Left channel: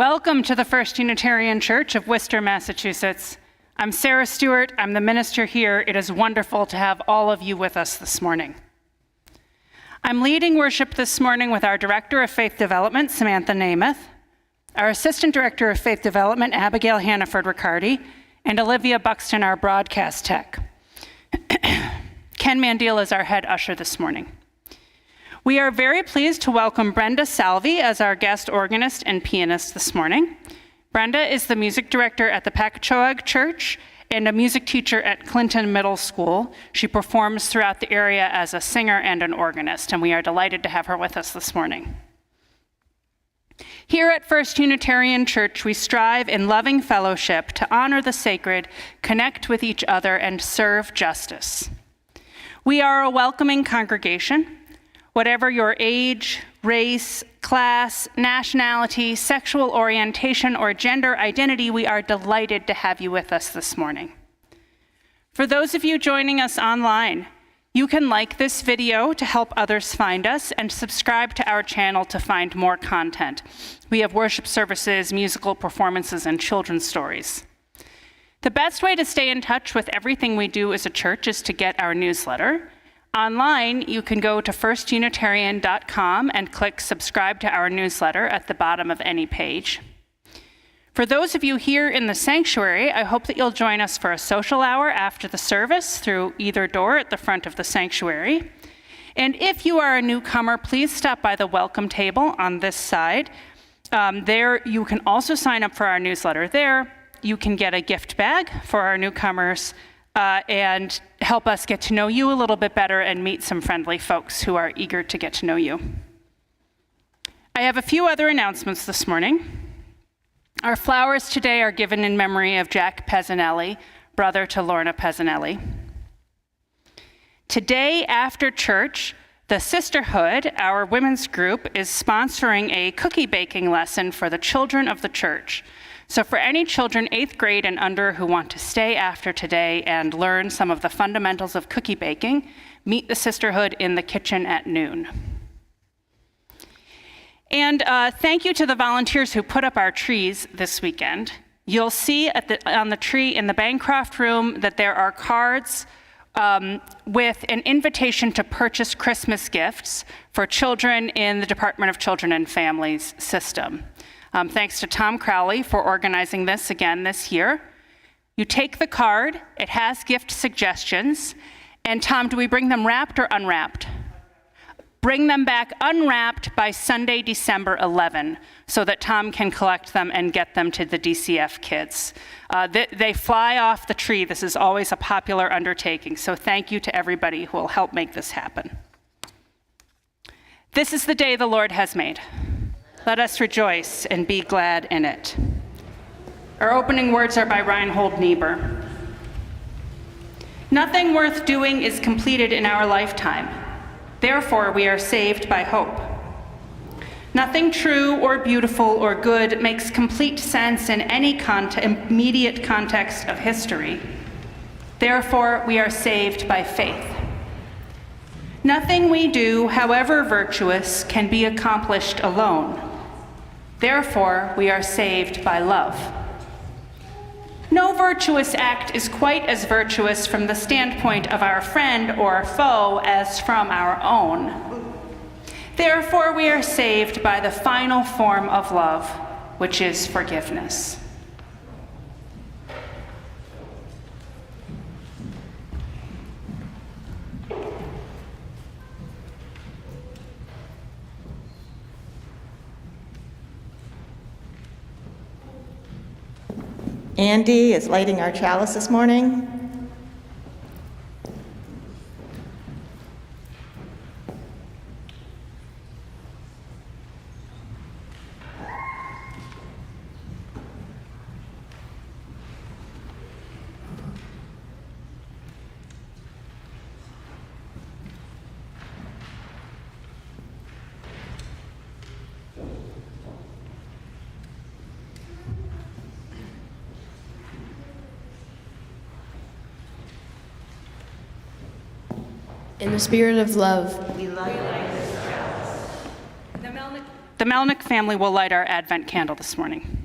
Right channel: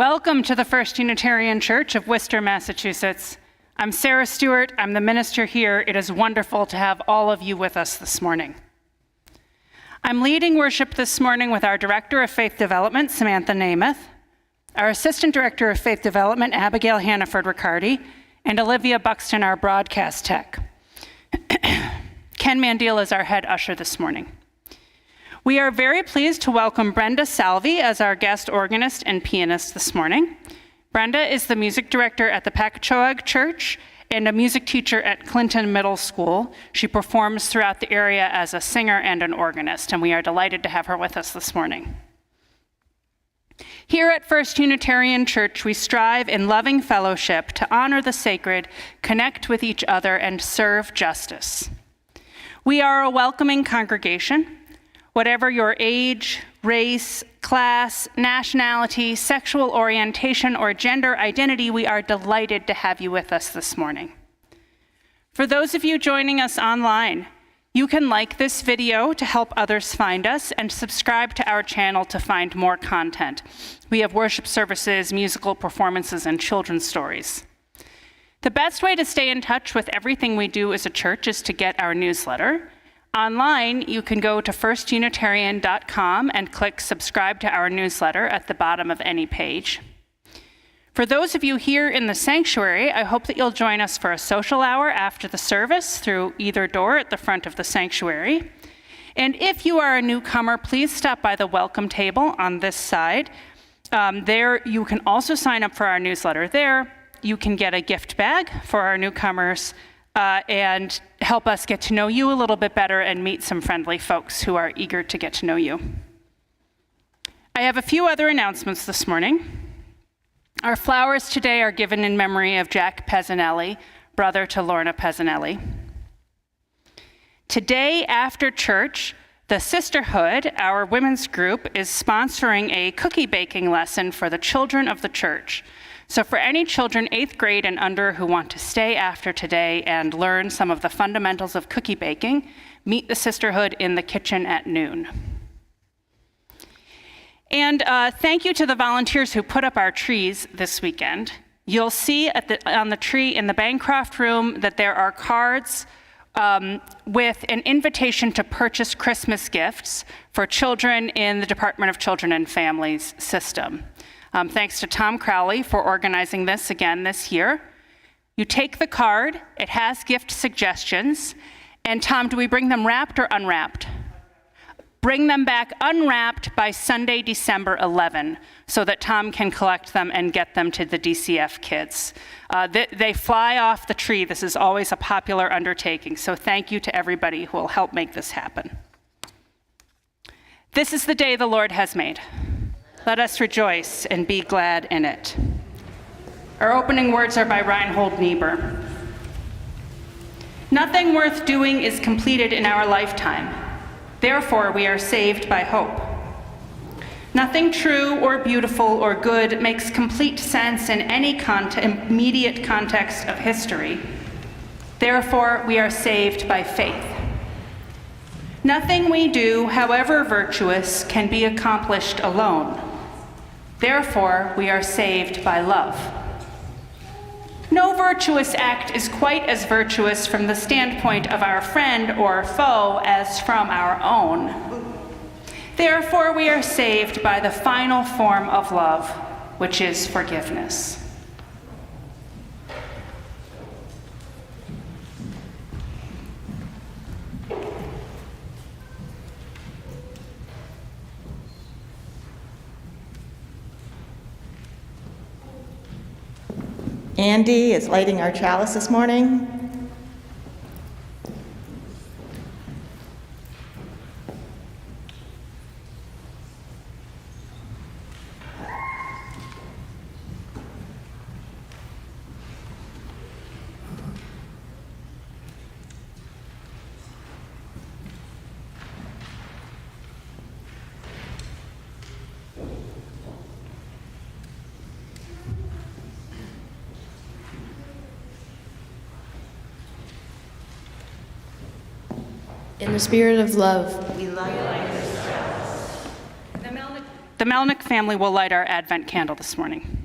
Welcome to the First Unitarian Church of Worcester, Massachusetts. I'm Sarah Stewart. I'm the minister here. It is wonderful to have all of you with us this morning. I'm leading worship this morning with our Director of Faith Development, Samantha Namath, our Assistant Director of Faith Development, Abigail Hannaford-Riccardi, and Olivia Buxton, our broadcast tech. Ken Mandil is our head usher this morning. We are very pleased to welcome Brenda Salvi as our guest organist and pianist this morning. Brenda is the music director at the Pacachoag Church and a music teacher at Clinton Middle School. She performs throughout the area as a singer and an organist, and we are delighted to have her with us this morning. Here at First Unitarian Church, we strive in loving fellowship to honor the sacred, connect with each other, and serve justice. We are a welcoming congregation. Whatever your age, race, class, nationality, sexual orientation, or gender identity, we are delighted to have you with us this morning. For those of you joining us online, you can like this video to help others find us and subscribe to our channel to find more content. We have worship services, musical performances, and children's stories. The best way to stay in touch with everything we do as a church is to get our newsletter. Online, you can go to firstunitarian.com and click subscribe to our newsletter at the bottom of any page. For those of you here in the sanctuary, I hope that you'll join us for a social hour after the service through either door at the front of the sanctuary. And if you are a newcomer, please stop by the welcome table on this side. There, you can also sign up for our newsletter there. You can get a gift bag for our newcomers and help us get to know you a little bit better and meet some friendly folks who are eager to get to know you. I have a few other announcements this morning. Our flowers today are given in memory of Jack Pezzanelli, brother to Lorna Pezzanelli. Today after church, the Sisterhood, our women's group, is sponsoring a cookie baking lesson for the children of the church. So for any children 8th grade and under who want to stay after today and learn some of the fundamentals of cookie baking, meet the Sisterhood in the kitchen at noon. And thank you to the volunteers who put up our trees this weekend. You'll see on the tree in the Bancroft room that there are cards with an invitation to purchase Christmas gifts for children in the Department of Children and Families system. Thanks to Tom Crowley for organizing this again this year. You take the card, it has gift suggestions, and Tom, do we bring them wrapped or unwrapped? Bring them back unwrapped by Sunday, December 11, so that Tom can collect them and get them to the DCF kids. They fly off the tree. This is always a popular undertaking, so thank you to everybody who will help make this happen. This is the day the Lord has made. Let us rejoice and be glad in it. Our opening words are by Reinhold Niebuhr. Nothing worth doing is completed in our lifetime. Therefore, we are saved by hope. Nothing true or beautiful or good makes complete sense in any immediate context of history. Therefore, we are saved by faith. Nothing we do, however virtuous, can be accomplished alone. Therefore, we are saved by love. No virtuous act is quite as virtuous from the standpoint of our friend or foe as from our own. Therefore, we are saved by the final form of love, which is forgiveness. Andy is lighting our chalice this morning. In the spirit of love, we light this chalice. And The Melnick family will light our Advent candle this morning.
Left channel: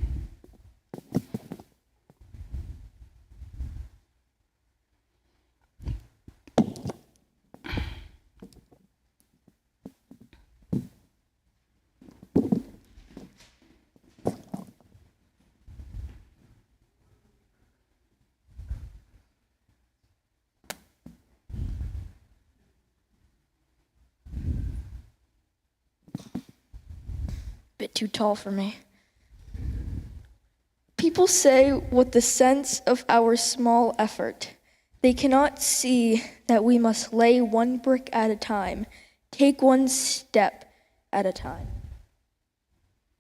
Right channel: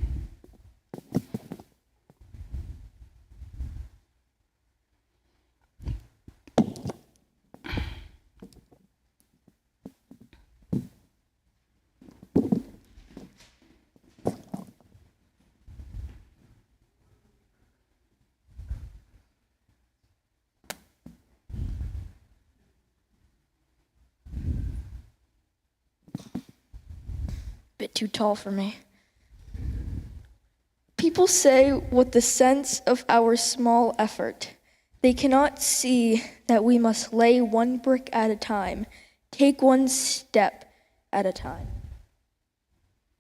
Bit too tall for me. People say with the sense of our small effort, they cannot see that we must lay one brick at a time, take one step at a time.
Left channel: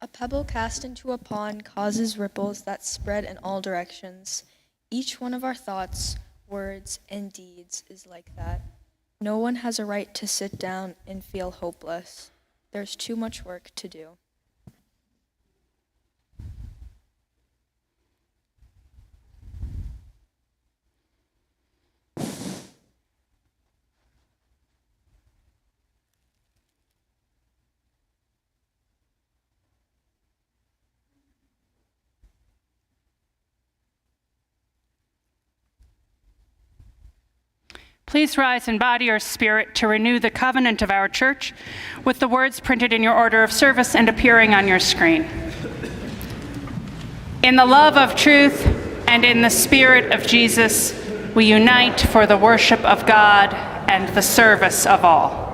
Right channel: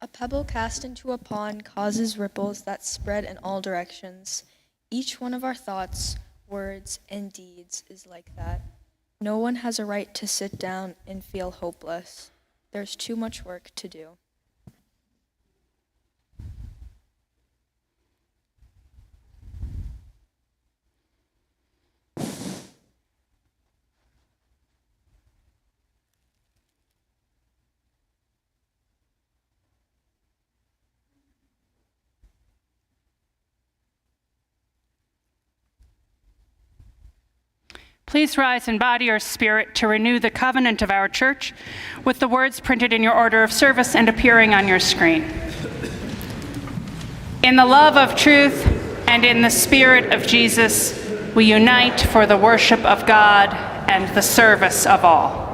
A pebble cast into a pond causes ripples that spread in all directions. Each one of our thoughts, words, and deeds is like that. No one has a right to sit down and feel hopeless. There's too much work to do. Please rise in body or spirit to renew the covenant of our church with the words printed in your order of service and appearing on your screen. In the love of truth and in the spirit of Jesus, we unite for the worship of God and the service of all.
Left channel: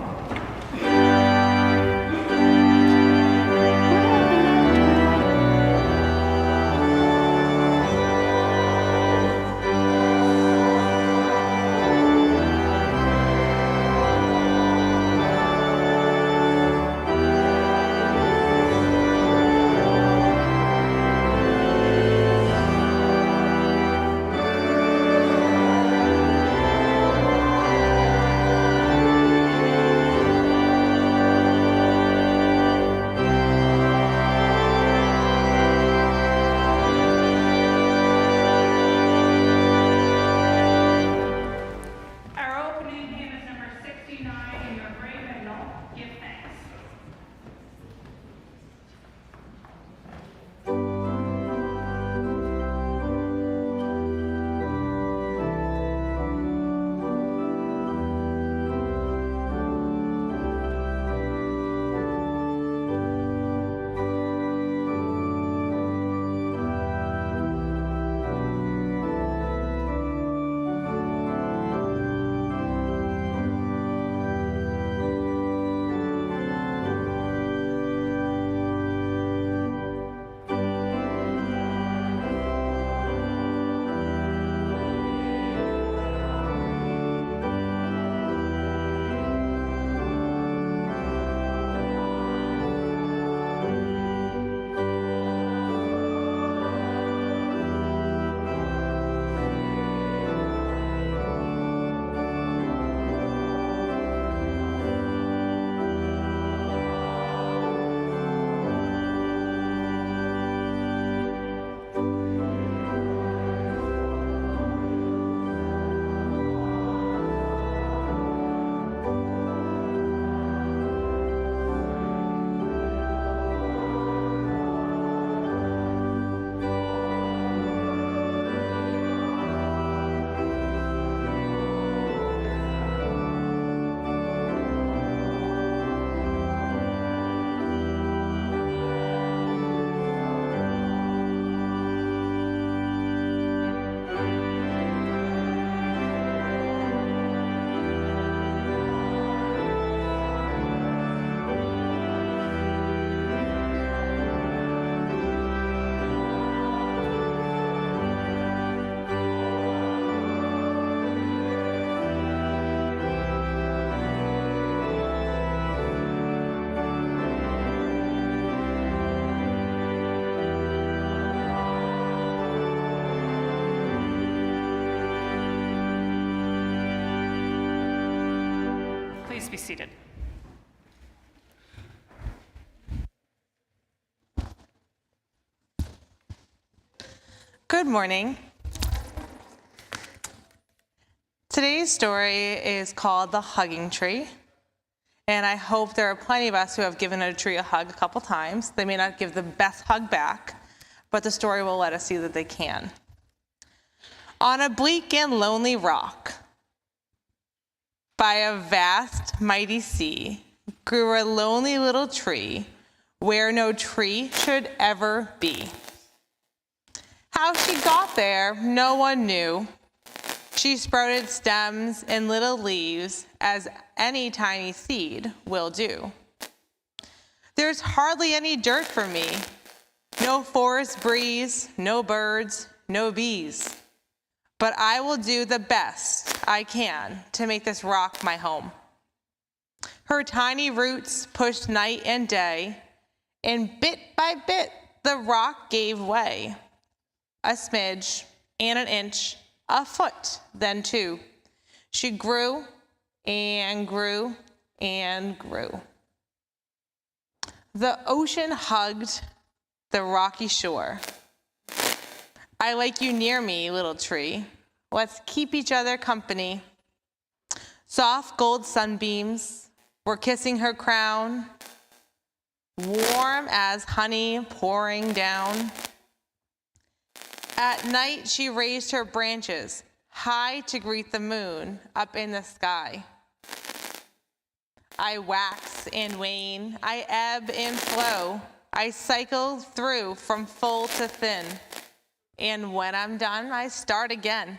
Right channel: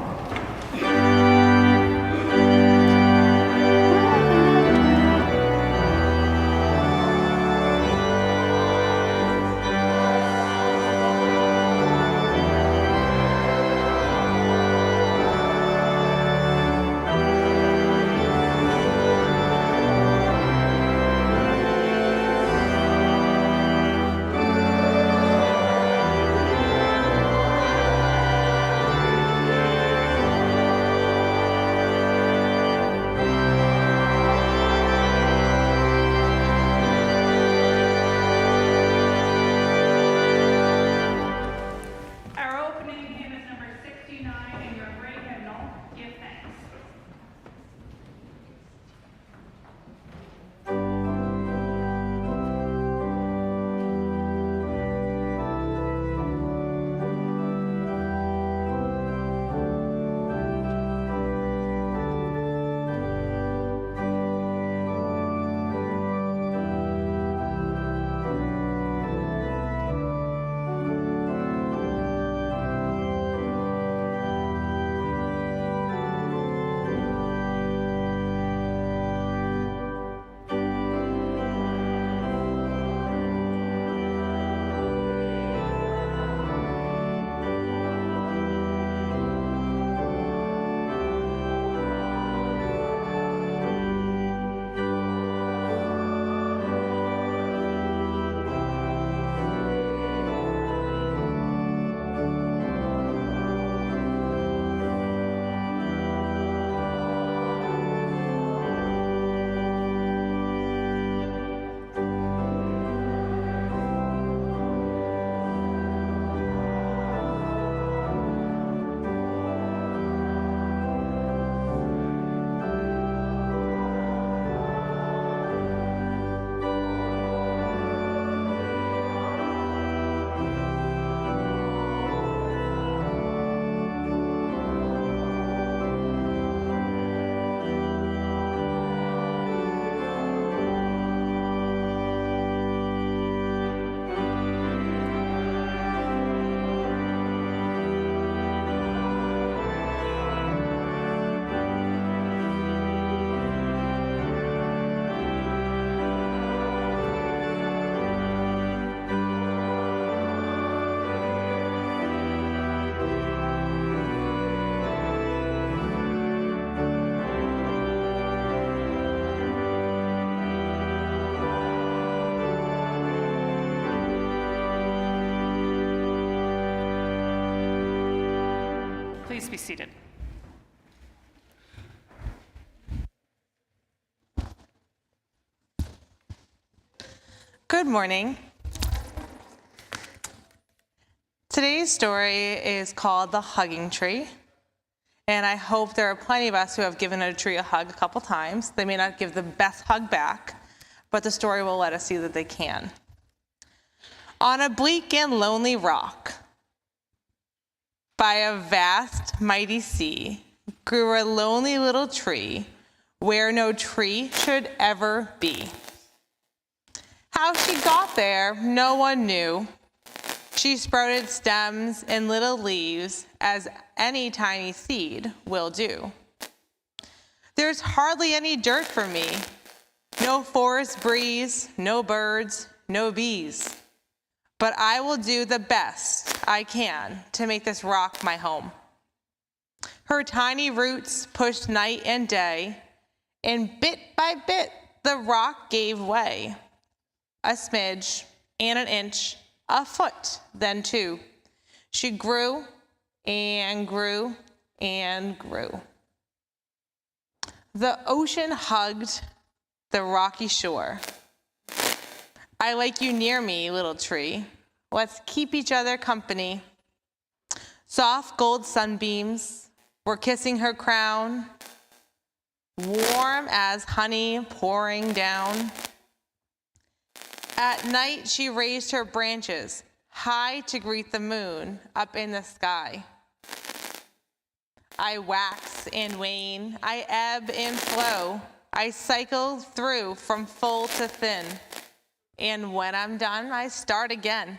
Please be seated. Good morning. Today's story is called The Hugging Tree, And I hope there are plenty of us who have given a tree a hug a couple times. They may not give the best hug back, but the story will let us see that they can. On a bleak and lonely rock, by a vast, mighty sea, grew a lonely little tree where no tree should ever be. How she got there, no one knew. She sprouted stems and little leaves as any tiny seed will do. There's hardly any dirt for me, no forest breeze, no birds, no bees. But I will do the best I can to make this rock my home. Her tiny roots pushed night and day, and bit by bit the rock gave way. A smidge and an inch, a foot, then two. She grew and grew and grew. The ocean hugged the rocky shore. I like you near me, little tree. Let's keep each other company. Soft gold sunbeams were kissing her crown, warm as honey pouring down. At night she raised her branches high to greet the moon up in the sky. I wax and wane, I ebb and flow, I cycle through from full to thin. And when I'm done, I start again.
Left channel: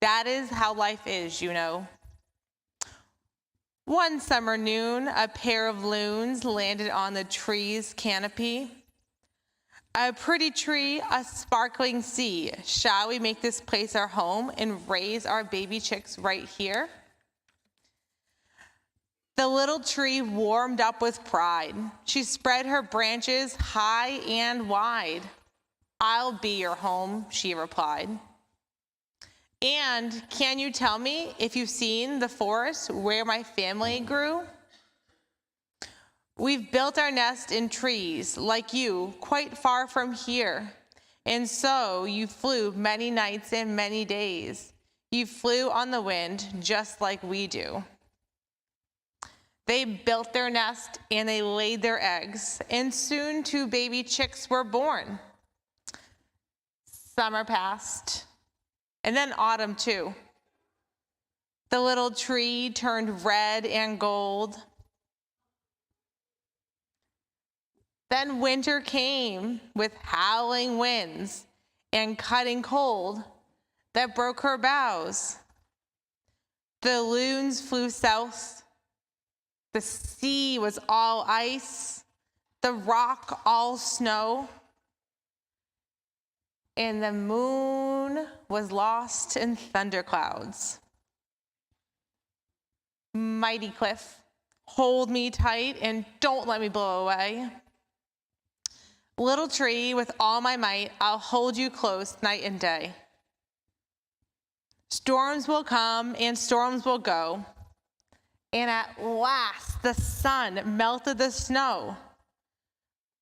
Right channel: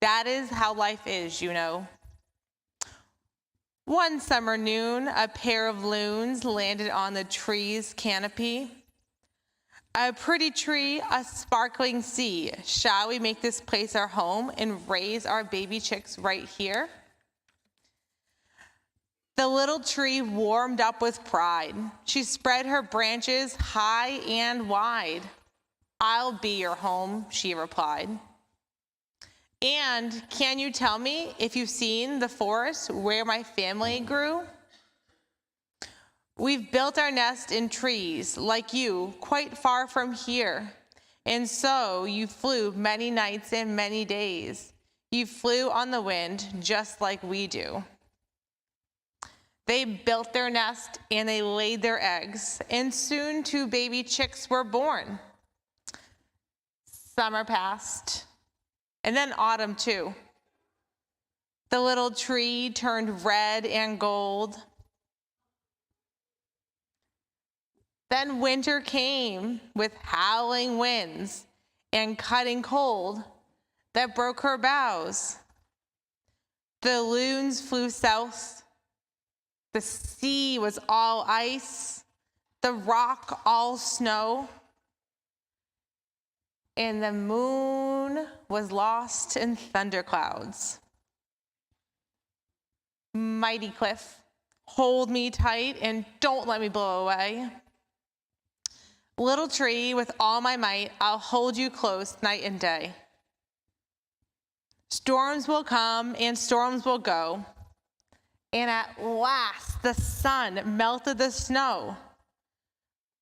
That is how life is, you know. One summer noon, a pair of loons landed on the tree's canopy. A pretty tree, a sparkling sea. Shall we make this place our home and raise our baby chicks right here? The little tree warmed up with pride. She spread her branches high and wide. I'll be your home, she replied. And can you tell me if you've seen the forest where my family grew? We've built our nest in trees, like you, quite far from here. And so you flew many nights and many days. You flew on the wind just like we do. They built their nest and they laid their eggs, and soon 2 baby chicks were born. Summer passed, and then autumn too. The little tree turned red and gold. Then winter came with howling winds and cutting cold that broke her boughs. The loons flew south. The sea was all ice, the rock all snow, and the moon was lost in thunderclouds. Mighty cliff, hold me tight and don't let me blow away. Little tree, with all my might, I'll hold you close night and day. Storms will come and storms will go. And at last, the sun melted the snow.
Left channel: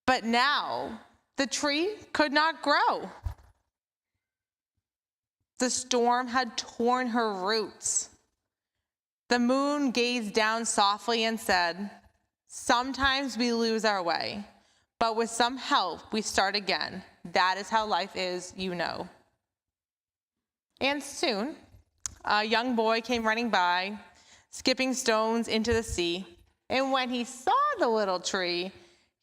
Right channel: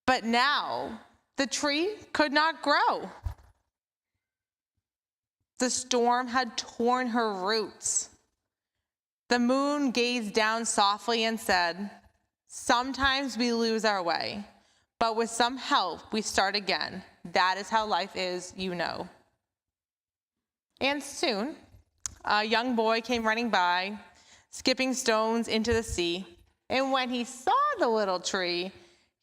But now, the tree could not grow. The storm had torn her roots. The moon gazed down softly and said, sometimes we lose our way, but with some help, we start again. That is how life is, you know. And soon, a young boy came running by, skipping stones into the sea. And when he saw the little tree,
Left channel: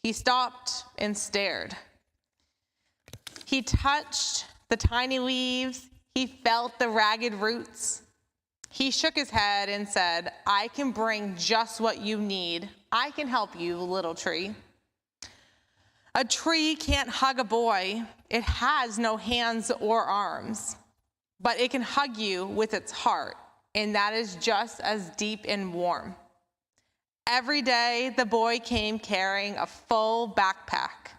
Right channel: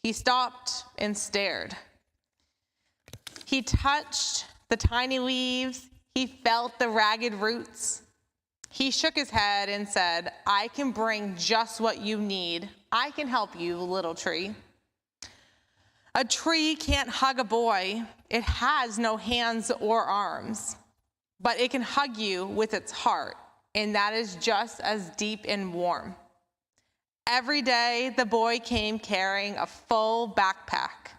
he stopped and stared. He touched the tiny leaves. He felt the ragged roots. He shook his head and said, I can bring just what you need. I can help you, little tree. A tree can't hug a boy. It has no hands or arms, but it can hug you with its heart. And that is just as deep and warm. Every day, the boy came carrying a full backpack.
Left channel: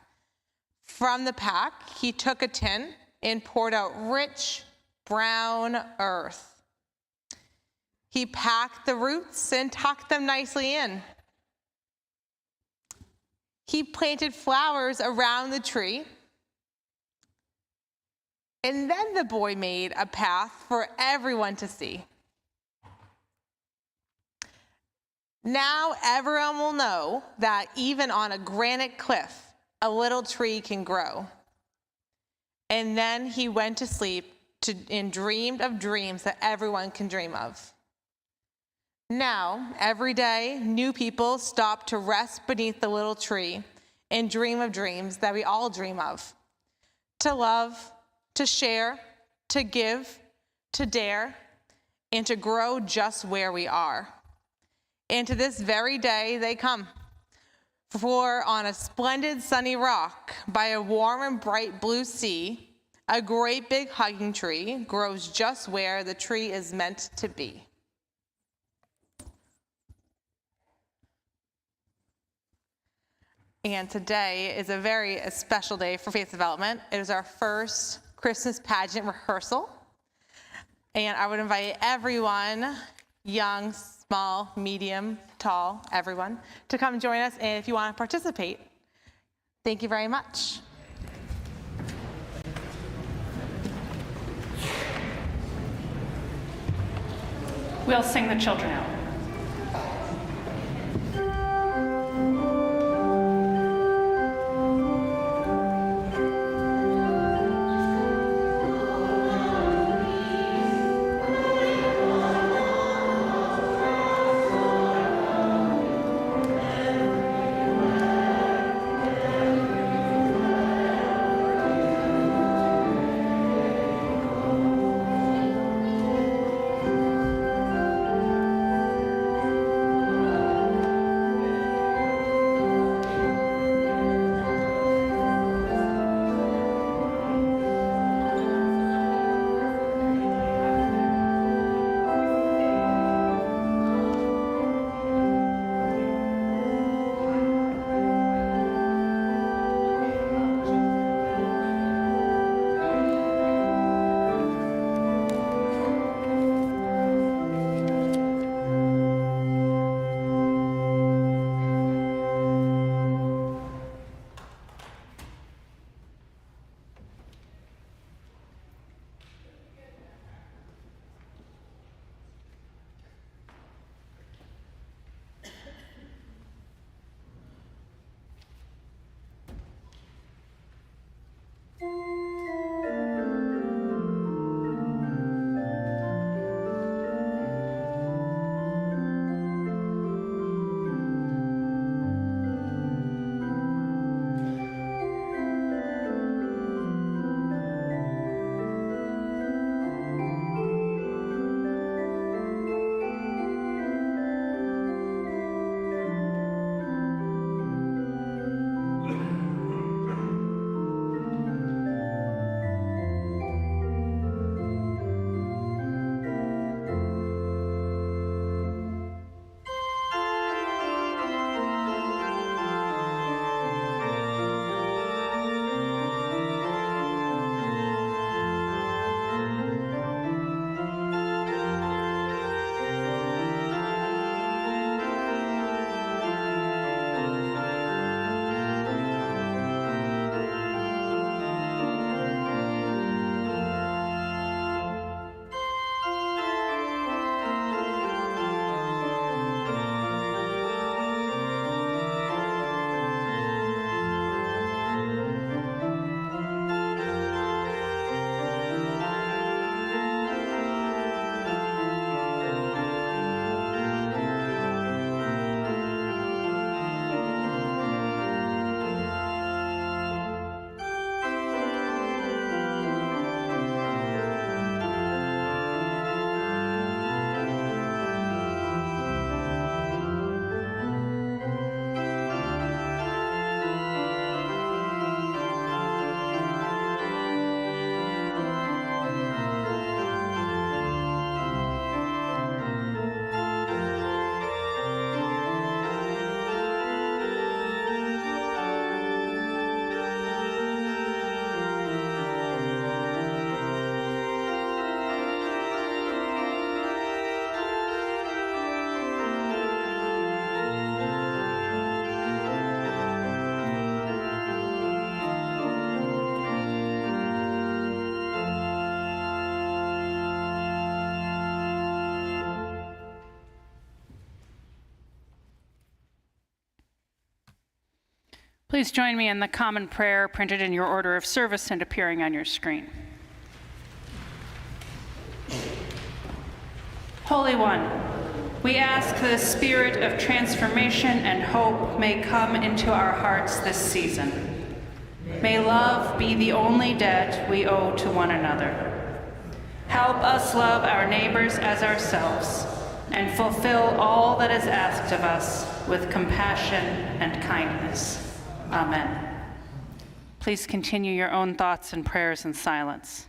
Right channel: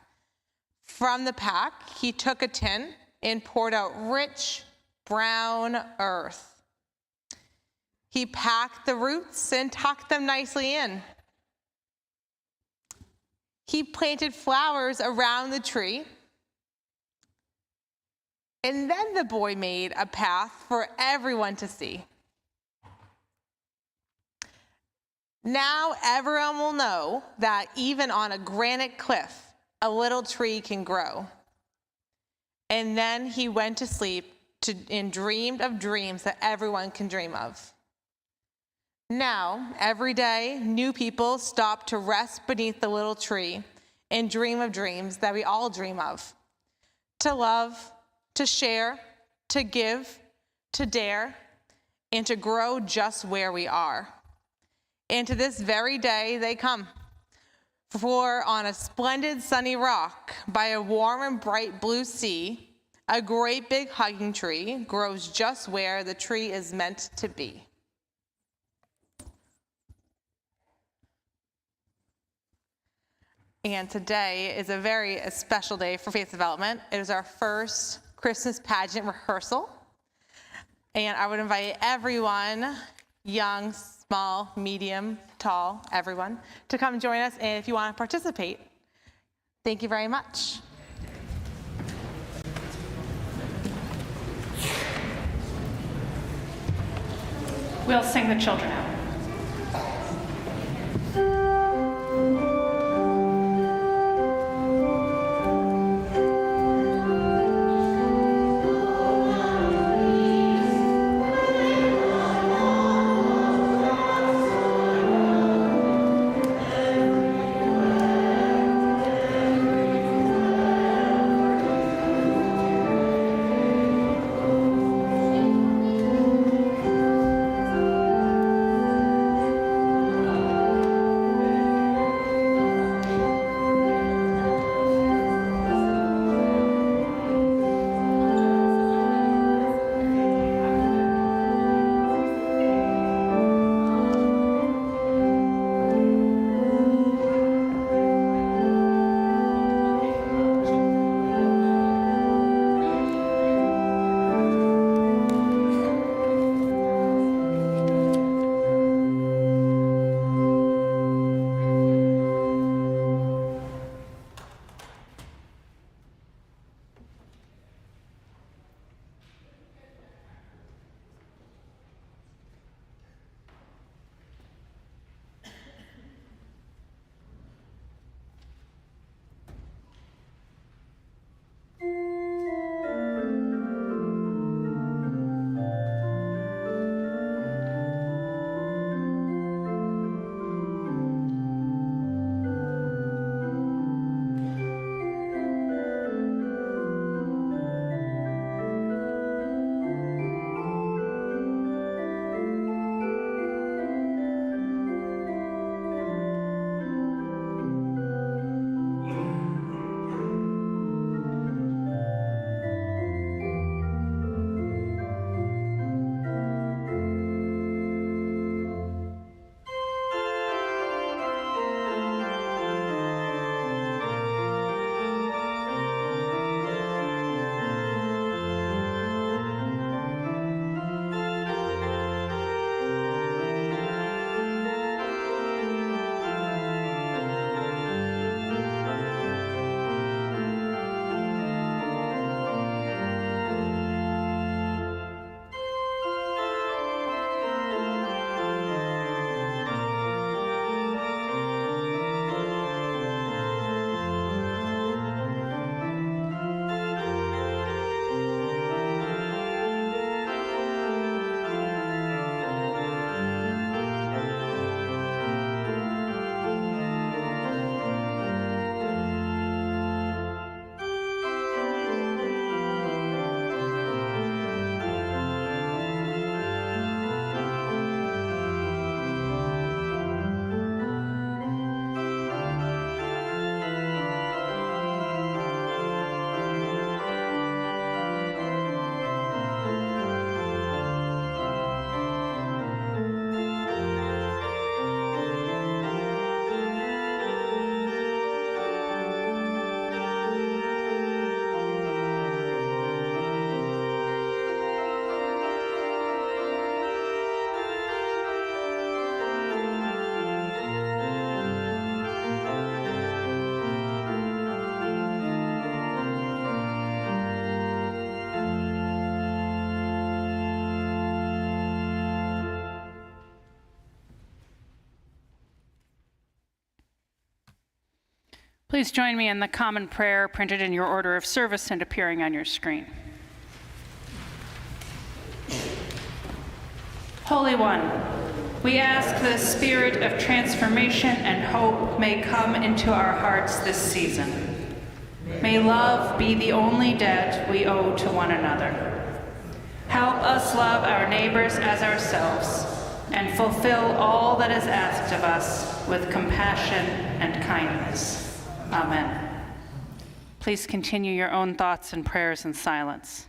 From the pack, he took a tin and poured out rich, brown earth. He packed the roots and tucked them nicely in. He planted flowers around the tree. And then the boy made a path for everyone to see. Now everyone will know that even on a granite cliff, a little tree can grow. And then he went to sleep and dreamed of dreams that everyone can dream of. Now, every day, new people stop to rest beneath the little tree and dream of dreams that we all dream of. To love, to share, to give, to dare, and to grow just where we are. And to this very day they come. For on a splendid sunny rock by a warm and bright blue sea, a great big hugging tree grows just where the tree is meant to be. And today is a very special day for Faith Development. It is our first Christmas pageant rehearsal. And I would invite everyone, young, small, medium, tall, everyone, to come join us if you want to participate. Thank you very much. We'll sing the children out. Please join me in the common prayer printed in your order of service and appearing on your screen. Holy One, we ask that a spirit of transformation and hope may come into our hearts this season. May love be the only debt we owe to one another. Help us love our neighbors as ourselves and fulfill all that is asked of us with compassion and kindness. Amen. Please continue your own thoughts and prayers in silence.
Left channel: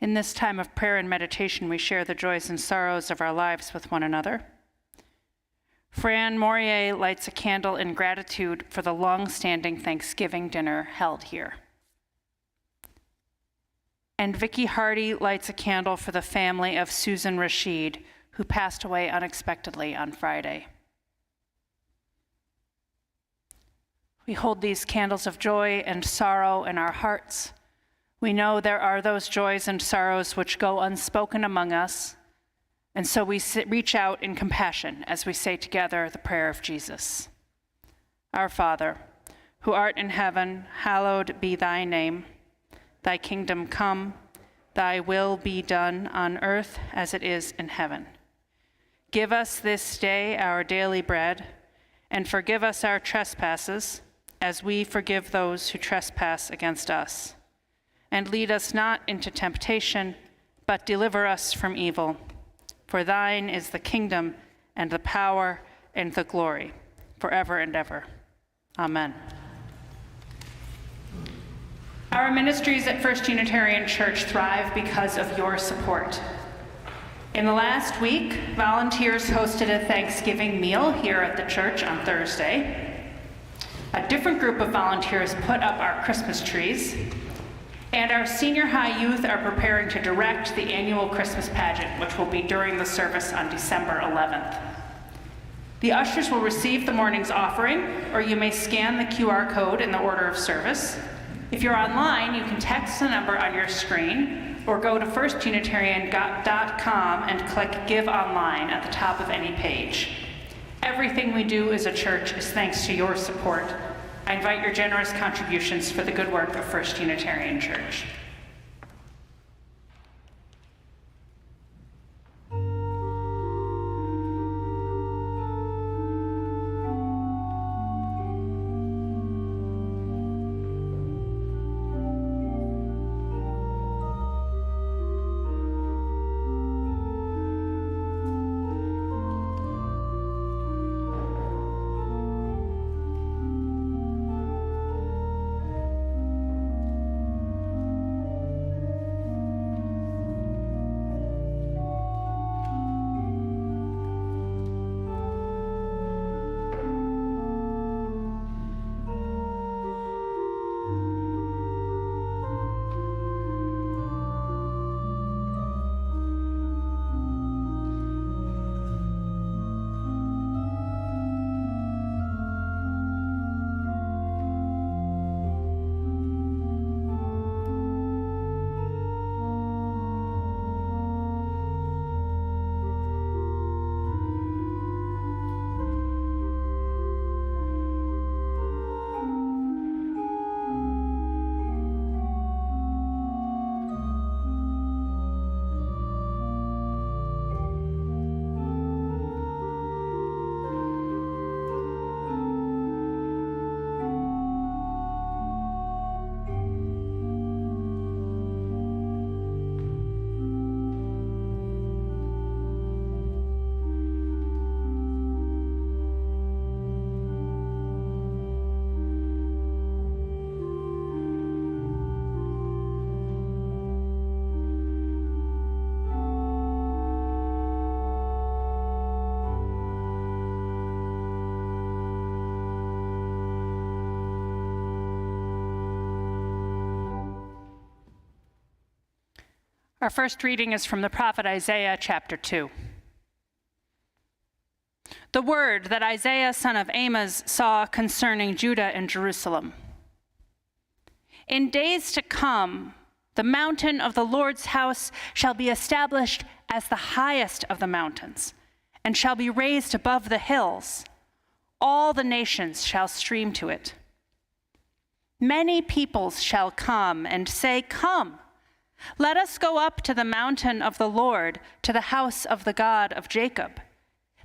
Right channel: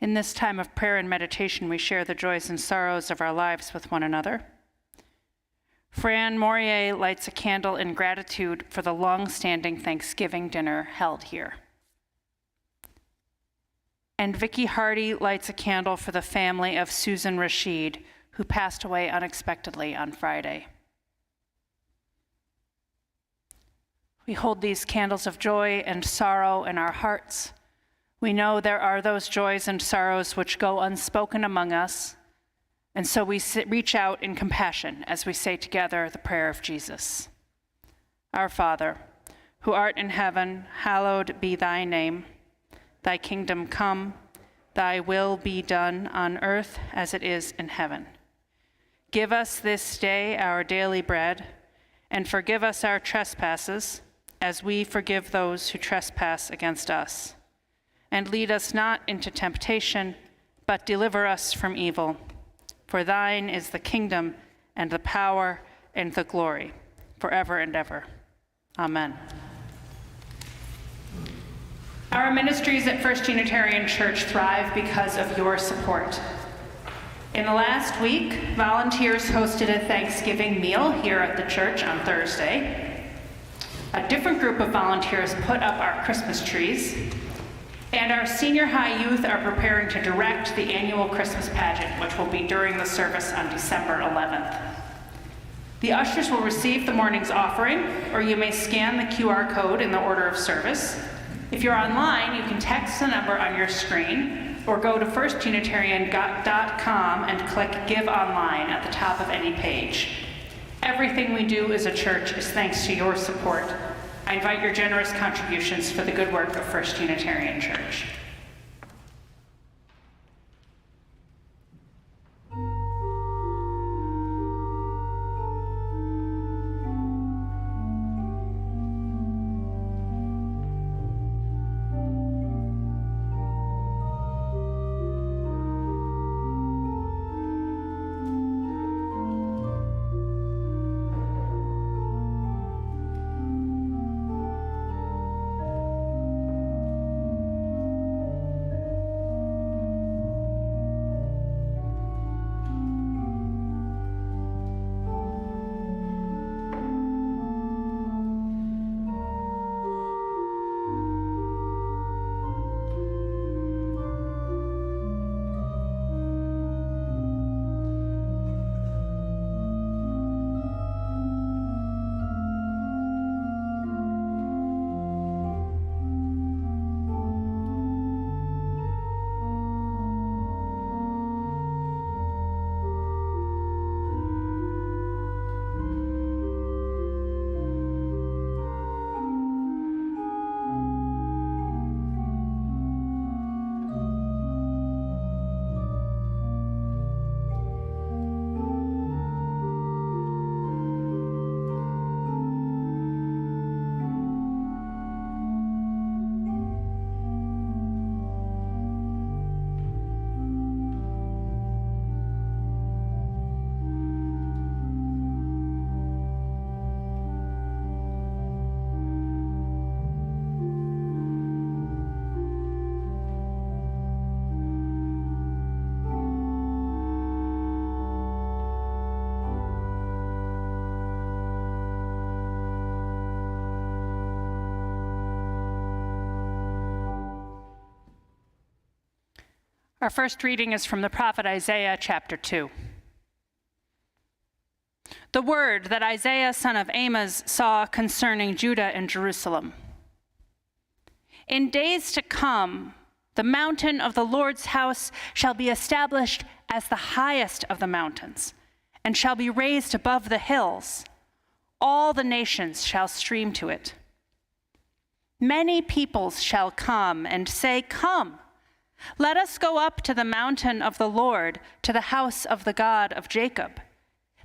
In this time of prayer and meditation, we share the joys and sorrows of our lives with one another. Fran Morier lights a candle in gratitude for the long-standing Thanksgiving dinner held here. And Vicky Hardy lights a candle for the family of Susan Rashid, who passed away unexpectedly on Friday. We hold these candles of joy and sorrow in our hearts. We know there are those joys and sorrows which go unspoken among us, and so we reach out in compassion as we say together the prayer of Jesus. Our Father, who art in heaven, hallowed be thy name. Thy kingdom come, thy will be done on earth as it is in heaven. Give us this day our daily bread, and forgive us our trespasses, as we forgive those who trespass against us. And lead us not into temptation, but deliver us from evil. For thine is the kingdom, and the power, and the glory, forever and ever. Amen. Our ministries at First Unitarian Church thrive because of your support. In the last week, volunteers hosted a Thanksgiving meal here at the church on Thursday. A different group of volunteers put up our Christmas trees. And our senior high youth are preparing to direct the annual Christmas pageant, which will be during the service on December 11th. The ushers will receive the morning's offering, or you may scan the QR code in the order of service. If you're online, you can text the number on your screen, or go to firstunitarian.com and click Give Online at the top of any page. Everything we do as a church is thanks to your support. I invite your generous contributions for the good work of First Unitarian Church. Our first reading is from the prophet Isaiah, chapter 2. The word that Isaiah, son of Amos, saw concerning Judah and Jerusalem. In days to come, the mountain of the Lord's house shall be established as the highest of the mountains, and shall be raised above the hills. All the nations shall stream to it. Many peoples shall come and say, "Come, let us go up to the mountain of the Lord, to the house of the God of Jacob,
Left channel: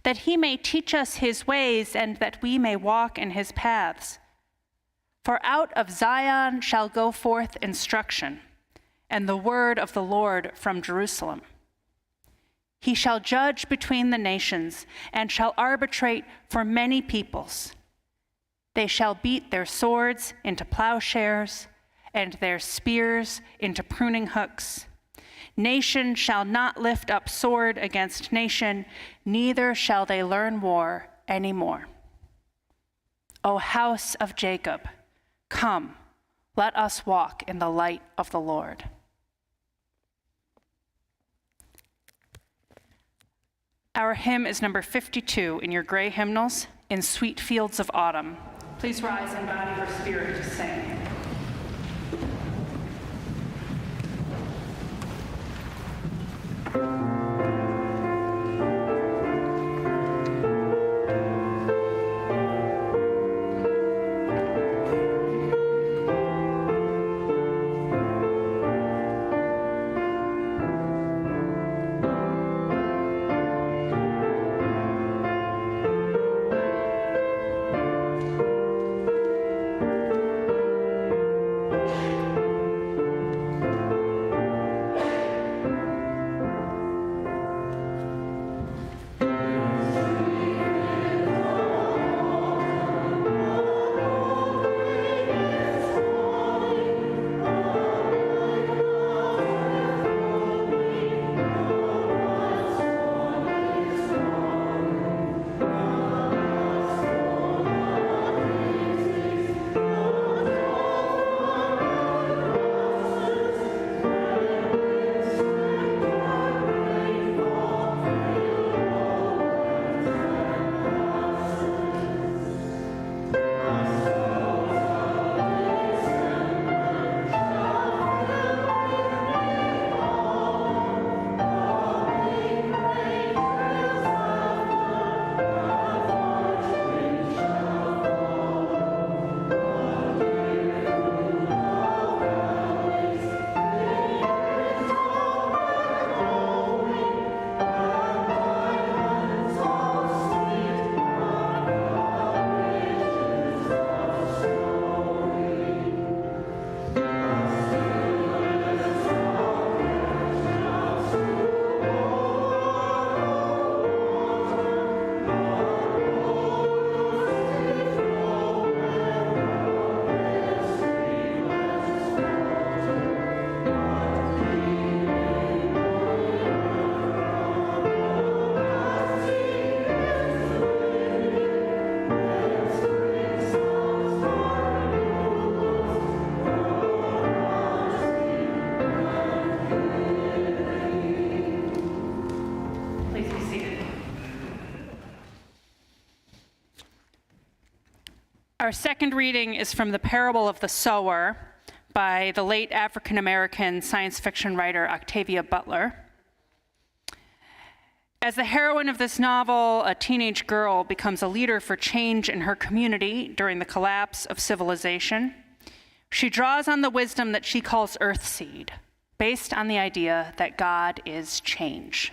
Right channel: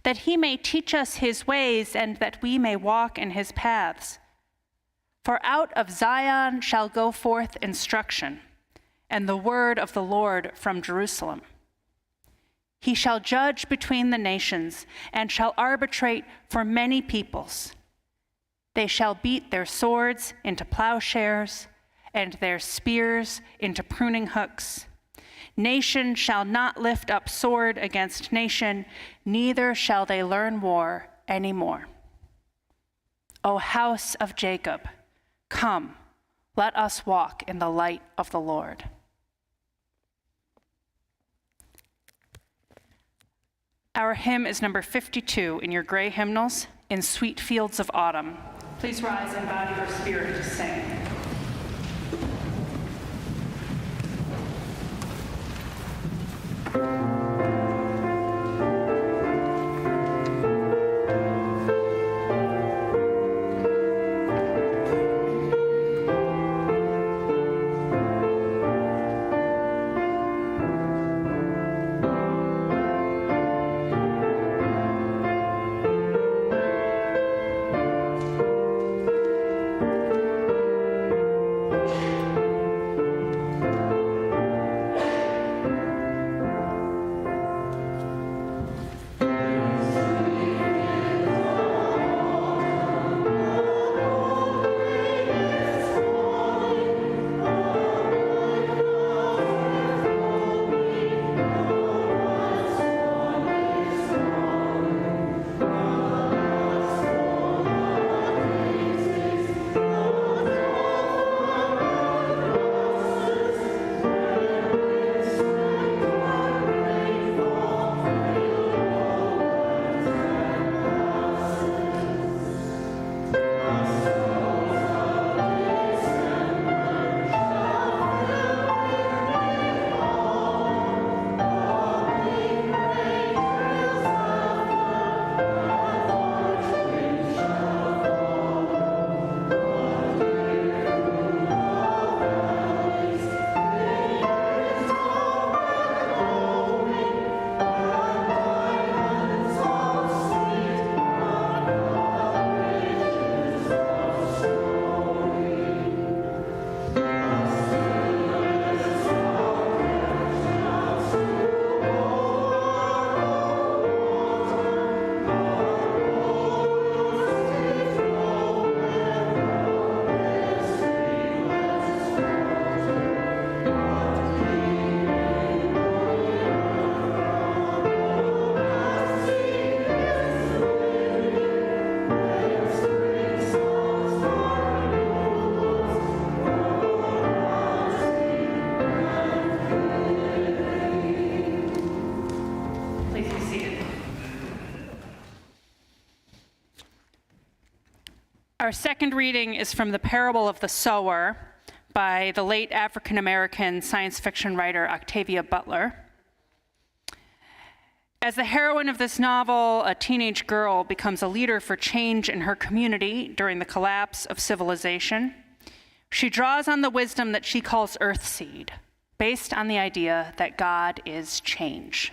that he may teach us his ways and that we may walk in his paths. For out of Zion shall go forth instruction, and the word of the Lord from Jerusalem. He shall judge between the nations and shall arbitrate for many peoples. They shall beat their swords into plowshares and their spears into pruning hooks. Nation shall not lift up sword against nation, neither shall they learn war anymore. O house of Jacob, come, let us walk in the light of the Lord." Our hymn is number 52 in your gray hymnals, "In Sweet Fields of Autumn." Please rise in body or spirit and sing. Our second reading is from the parable of the sower by the late African-American science fiction writer Octavia Butler. As the heroine of this novel, a teenage girl becomes a leader for change in her community during the collapse of civilization. She draws on the wisdom that she calls Earthseed, based on the idea that God is change.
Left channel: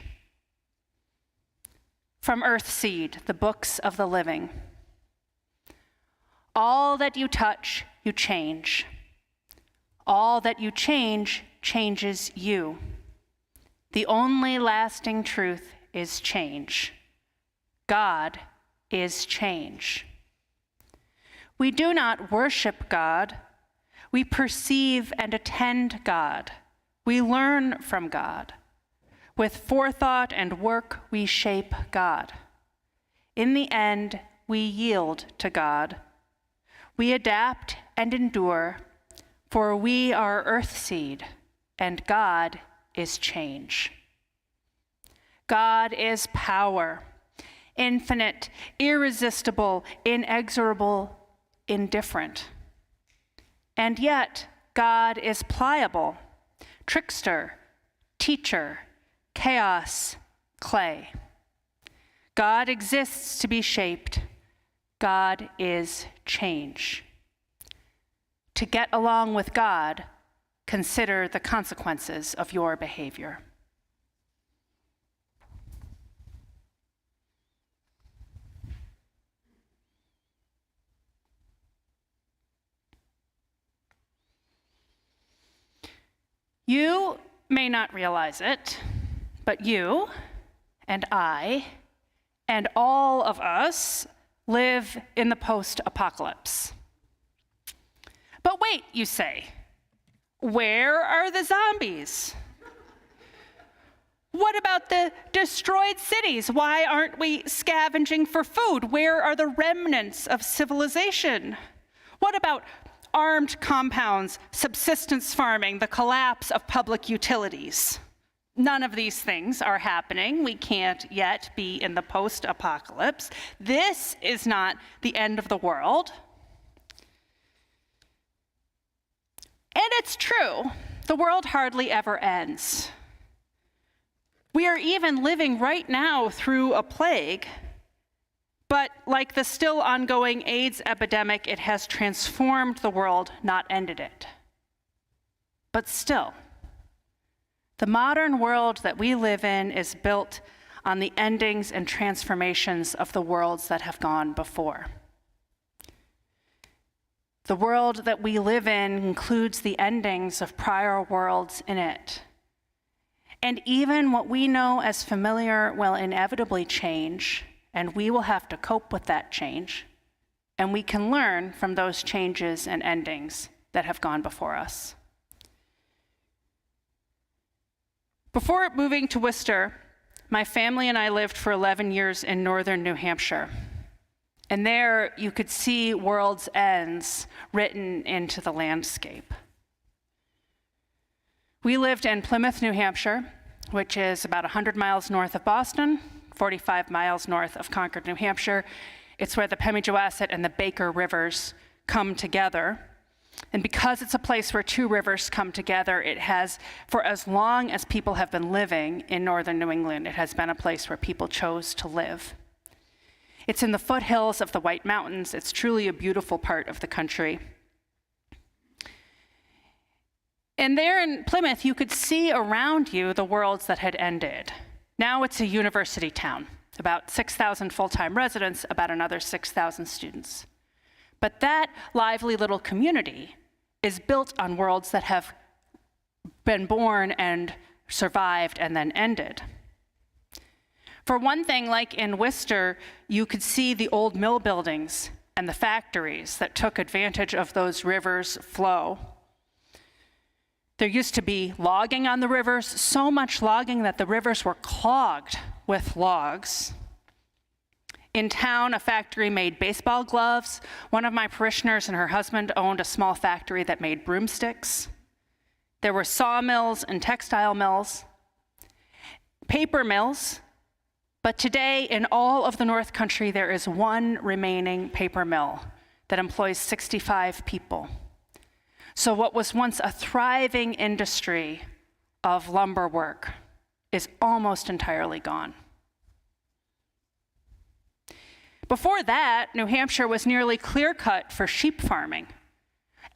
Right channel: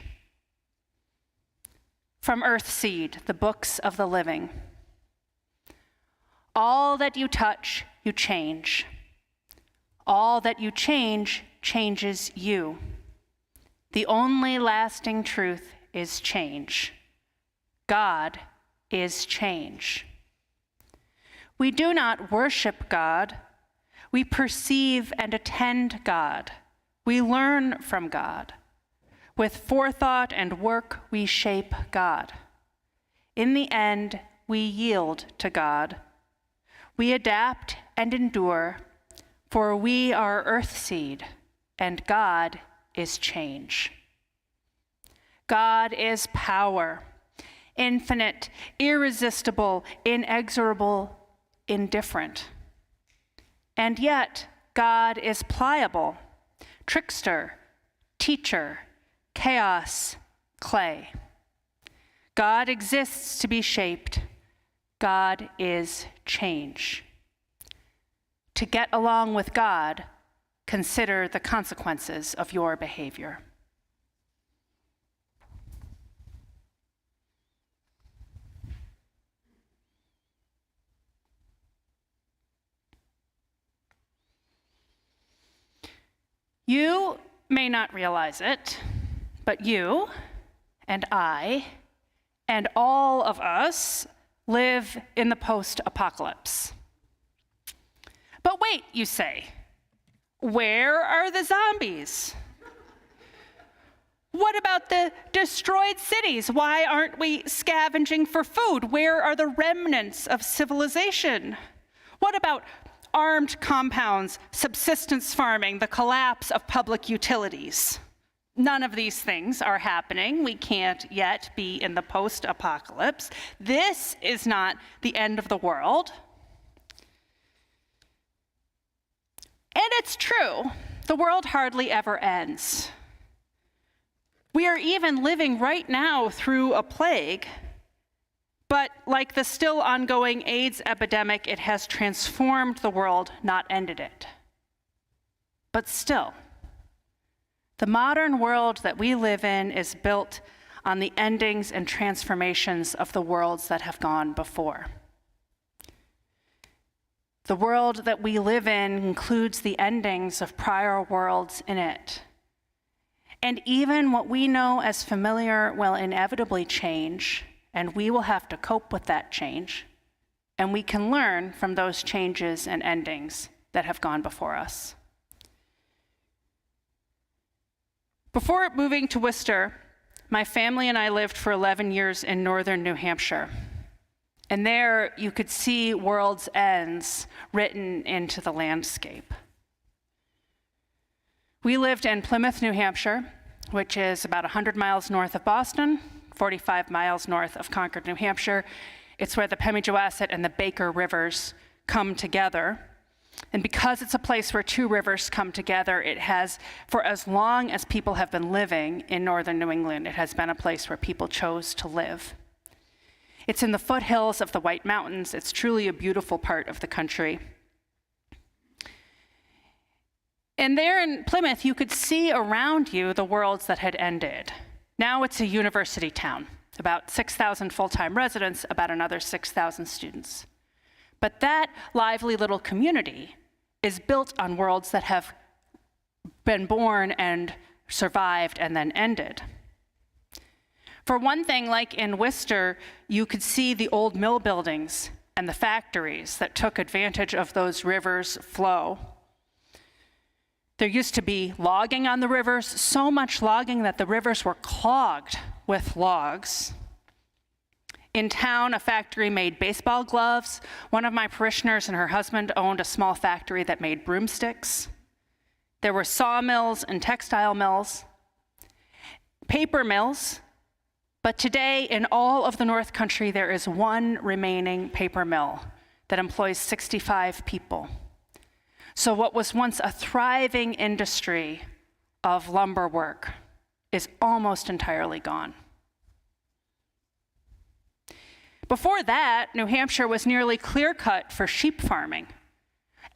From Earthseed, the Books of the Living. All that you touch, you change. All that you change, changes you. The only lasting truth is change. God is change. We do not worship God. We perceive and attend God. We learn from God. With forethought and work, we shape God. In the end, we yield to God. We adapt and endure, for we are Earthseed, and God is change. God is power, infinite, irresistible, inexorable, indifferent. And yet, God is pliable, trickster, teacher, chaos, clay. God exists to be shaped. God is change. To get along with God, consider the consequences of your behavior. You may not realize it, but you and I and all of us live in the post-apocalypse. But wait, you say, where are the zombies? What about the destroyed cities? Why aren't we scavenging for food? Where are the remnants of civilization? What about armed compounds, subsistence farming, the collapse of public utilities? None of these things are happening. We can't yet be in the post-apocalypse. This is not the end of the world. And it's true, the world hardly ever ends. We are even living right now through a plague, but like the still ongoing AIDS epidemic, it has transformed the world, not ended it. But still, the modern world that we live in is built on the endings and transformations of the worlds that have gone before. The world that we live in includes the endings of prior worlds in it. And even what we know as familiar will inevitably change, and we will have to cope with that change. And we can learn from those changes and endings that have gone before us. Before moving to Worcester, my family and I lived for 11 years in northern New Hampshire. And there you could see world's ends written into the landscape. We lived in Plymouth, New Hampshire, which is about 100 miles north of Boston, 45 miles north of Concord, New Hampshire. It's where the Pemigewasset and the Baker rivers come together. And because it's a place where two rivers come together, it has, for as long as people have been living in northern New England, it has been a place where people chose to live. It's in the foothills of the White Mountains. It's truly a beautiful part of the country. And there in Plymouth, you could see around you the worlds that had ended. Now it's a university town, about 6,000 full-time residents, about another 6,000 students. But that lively little community is built on worlds that have been born and survived and then ended. For one thing, like in Worcester, you could see the old mill buildings and the factories that took advantage of those rivers' flow. There used to be logging on the rivers, so much logging that the rivers were clogged with logs. In town, a factory made baseball gloves. One of my parishioners and her husband owned a small factory that made broomsticks. There were sawmills and textile mills, paper mills. But today, in all of the North Country, there is one remaining paper mill that employs 65 people. So what was once a thriving industry of lumber work is almost entirely gone. Before that, New Hampshire was nearly clear-cut for sheep farming.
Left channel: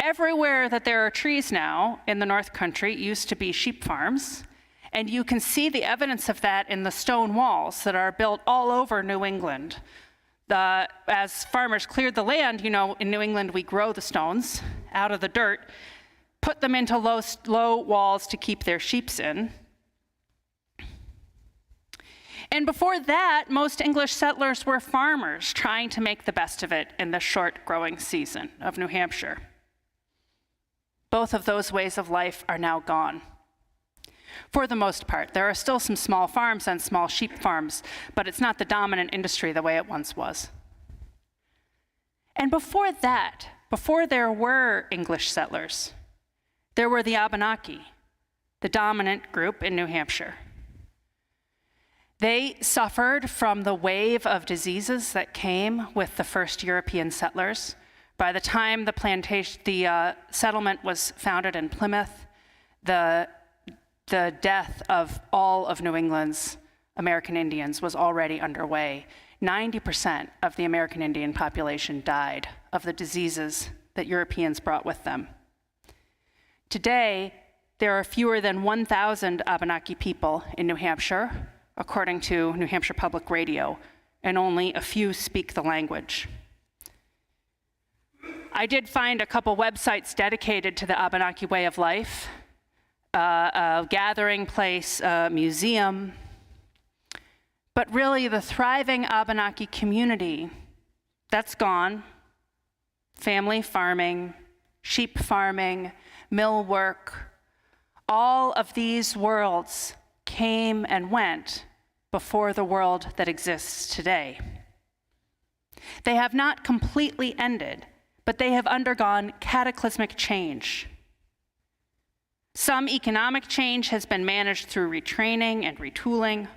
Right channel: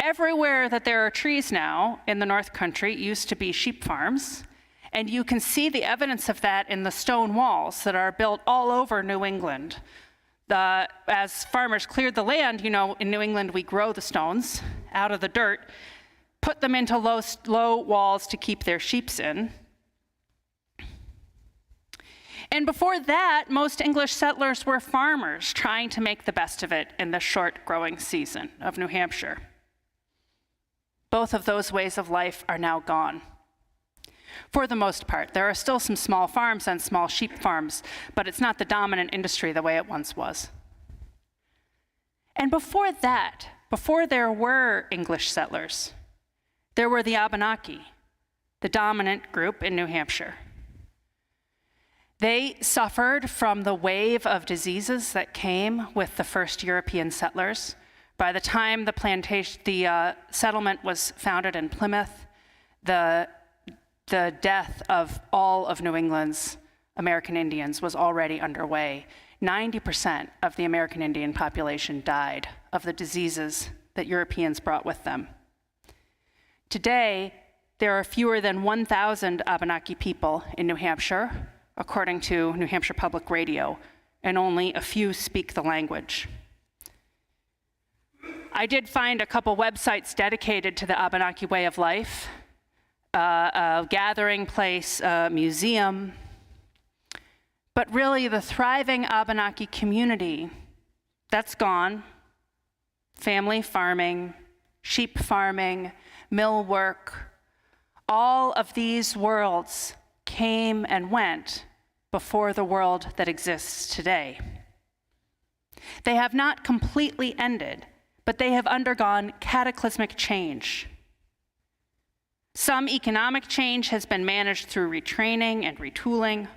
Everywhere that there are trees now in the North Country used to be sheep farms. And you can see the evidence of that in the stone walls that are built all over New England. As farmers cleared the land, you know, in New England we grow the stones out of the dirt, put them into low walls to keep their sheep in. And before that, most English settlers were farmers trying to make the best of it in the short growing season of New Hampshire. Both of those ways of life are now gone. For the most part, there are still some small farms and small sheep farms, but it's not the dominant industry the way it once was. And before that, before there were English settlers, there were the Abenaki, the dominant group in New Hampshire. They suffered from the wave of diseases that came with the first European settlers. By the time the settlement was founded in Plymouth, the death of all of New England's American Indians was already underway. 90% of the American Indian population died of the diseases that Europeans brought with them. Today, there are fewer than 1,000 Abenaki people in New Hampshire, according to New Hampshire Public Radio, and only a few speak the language. I did find a couple websites dedicated to the Abenaki way of life, a gathering place, a museum. But really, the thriving Abenaki community, that's gone. Family farming, sheep farming, mill work, all of these worlds came and went before the world that exists today. They have not completely ended, but they have undergone cataclysmic change. Some economic change has been managed through retraining and retooling.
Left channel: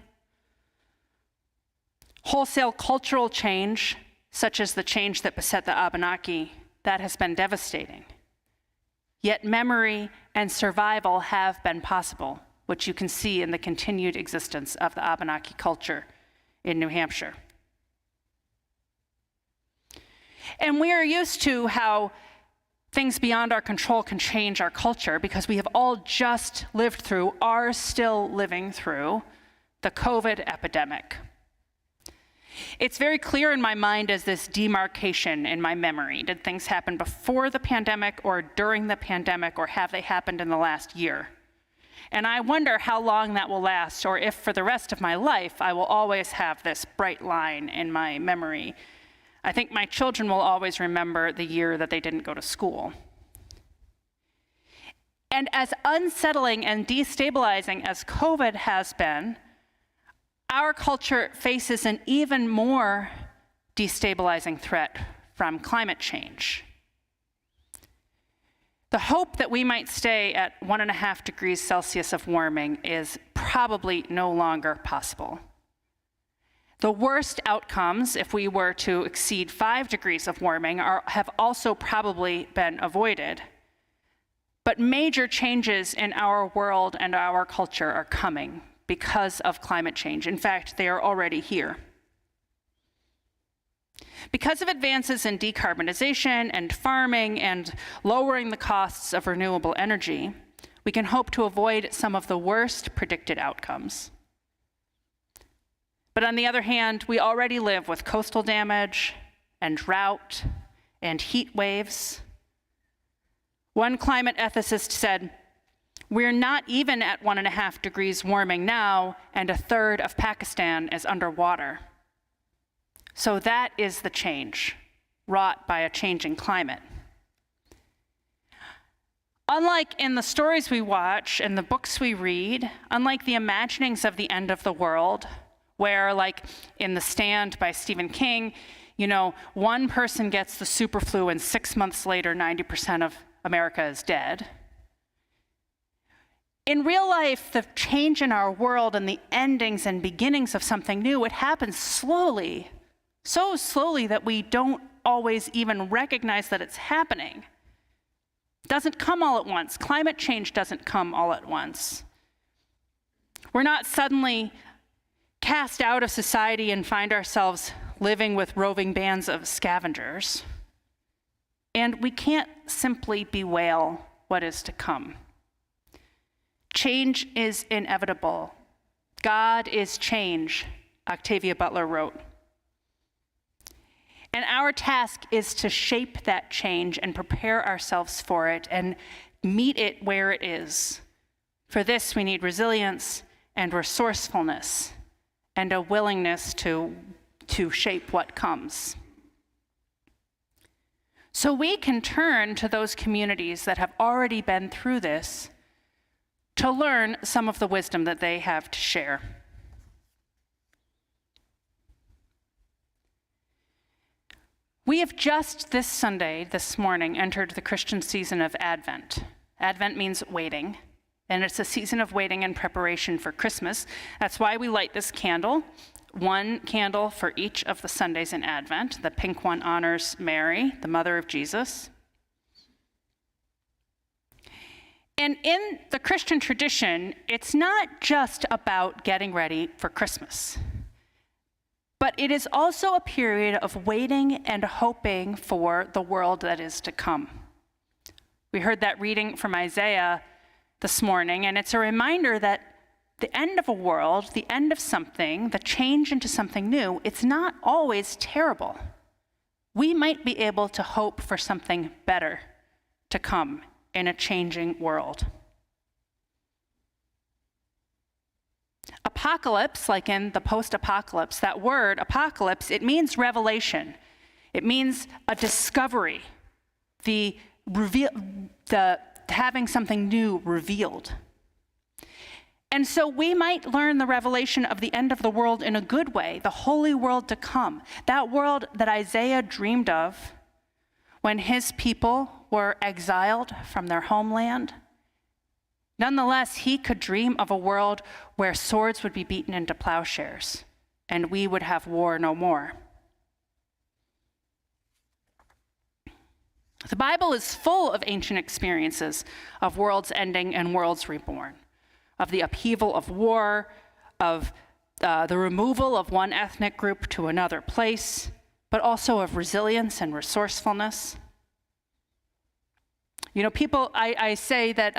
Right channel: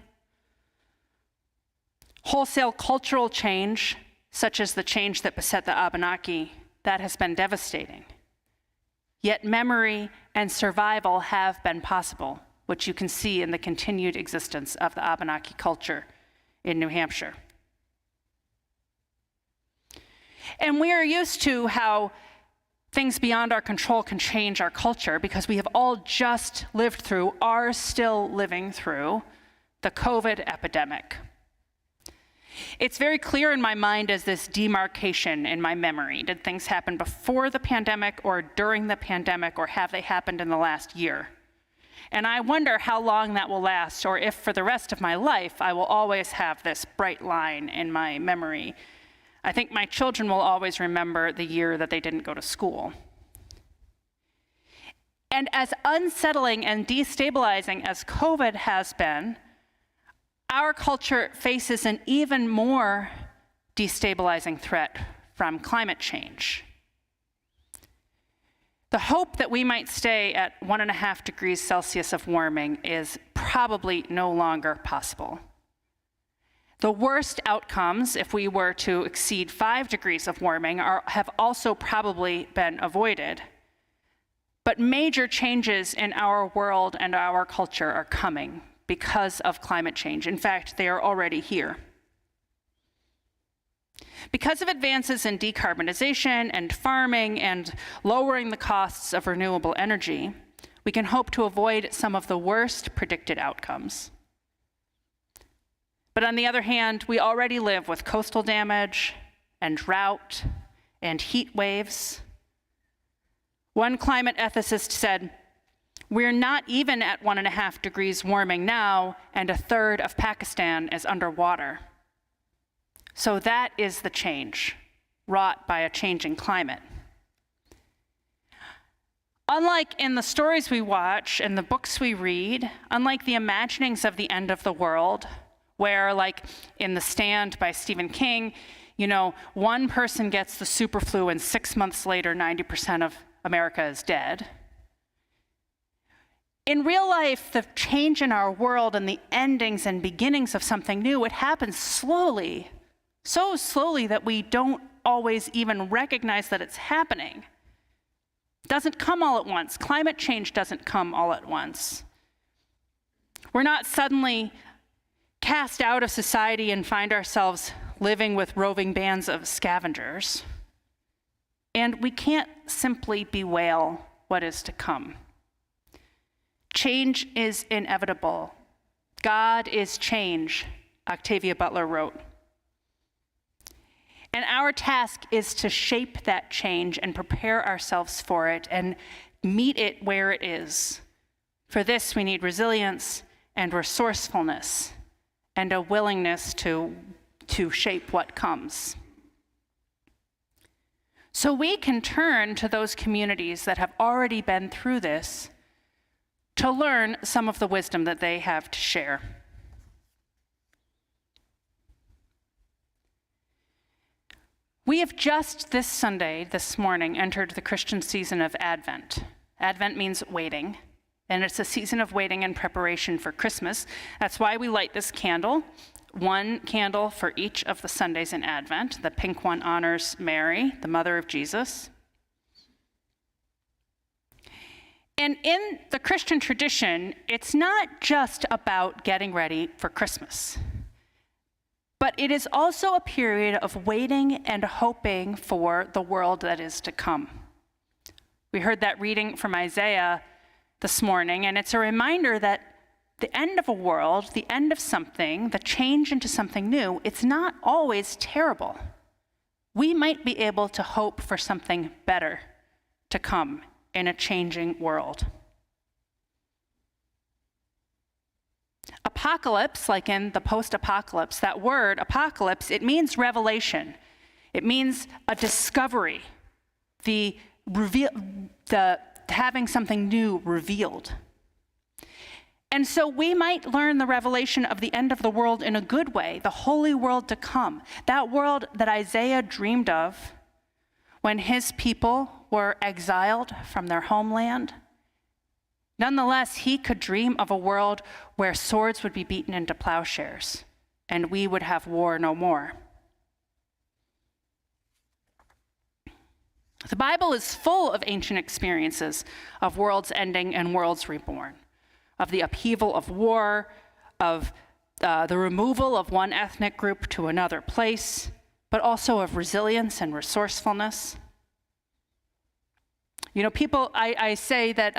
Wholesale cultural change, such as the change that beset the Abenaki, that has been devastating. Yet memory and survival have been possible, which you can see in the continued existence of the Abenaki culture in New Hampshire. And we are used to how things beyond our control can change our culture because we have all just lived through, are still living through, the COVID epidemic. It's very clear in my mind as this demarcation in my memory. Did things happen before the pandemic or during the pandemic, or have they happened in the last year? And I wonder how long that will last, or if for the rest of my life I will always have this bright line in my memory. I think my children will always remember the year that they didn't go to school. And as unsettling and destabilizing as COVID has been, our culture faces an even more destabilizing threat from climate change. The hope that we might stay at 1.5 degrees Celsius of warming is probably no longer possible. The worst outcomes, if we were to exceed 5 degrees of warming, have also probably been avoided. But major changes in our world and our culture are coming because of climate change. In fact, they are already here. Because of advances in decarbonization and farming and lowering the costs of renewable energy, we can hope to avoid some of the worst predicted outcomes. But on the other hand, we already live with coastal damage and drought and heat waves. One climate ethicist said, "We're not even at 1.5 degrees warming now, and 1/3 of Pakistan is underwater." So that is the change wrought by a changing climate. Unlike in the stories we watch and the books we read, unlike the imaginings of the end of the world, where, like in The Stand by Stephen King, one person gets the superflu and 6 months later, 90% of America is dead. In real life, the change in our world and the endings and beginnings of something new, it happens slowly, so slowly that we don't always even recognize that it's happening. It doesn't come all at once. Climate change doesn't come all at once. We're not suddenly cast out of society and find ourselves living with roving bands of scavengers. And we can't simply bewail what is to come. Change is inevitable. God is change, Octavia Butler wrote. And our task is to shape that change and prepare ourselves for it and meet it where it is. For this, we need resilience and resourcefulness and a willingness to shape what comes. So we can turn to those communities that have already been through this to learn some of the wisdom that they have to share. We have just this morning, entered the Christian season of Advent. Advent means waiting, and it's a season of waiting and preparation for Christmas. That's why we light this candle, one candle for each of the Sundays in Advent. The pink one honors Mary, the mother of Jesus. And in the Christian tradition, it's not just about getting ready for Christmas, but it is also a period of waiting and hoping for the world that is to come. We heard that reading from Isaiah this morning, and it's a reminder that the end of a world, the end of something, the change into something new, it's not always terrible. We might be able to hope for something better to come in a changing world. Apocalypse, like in the post-apocalypse, that word apocalypse, it means revelation. It means a discovery, the having something new revealed. And so we might learn the revelation of the end of the world in a good way, the holy world to come, that world that Isaiah dreamed of when his people were exiled from their homeland. Nonetheless, he could dream of a world where swords would be beaten into plowshares and we would have war no more. The Bible is full of ancient experiences of worlds ending and worlds reborn, of the upheaval of war, of the removal of one ethnic group to another place, but also of resilience and resourcefulness. You know, people, I say that,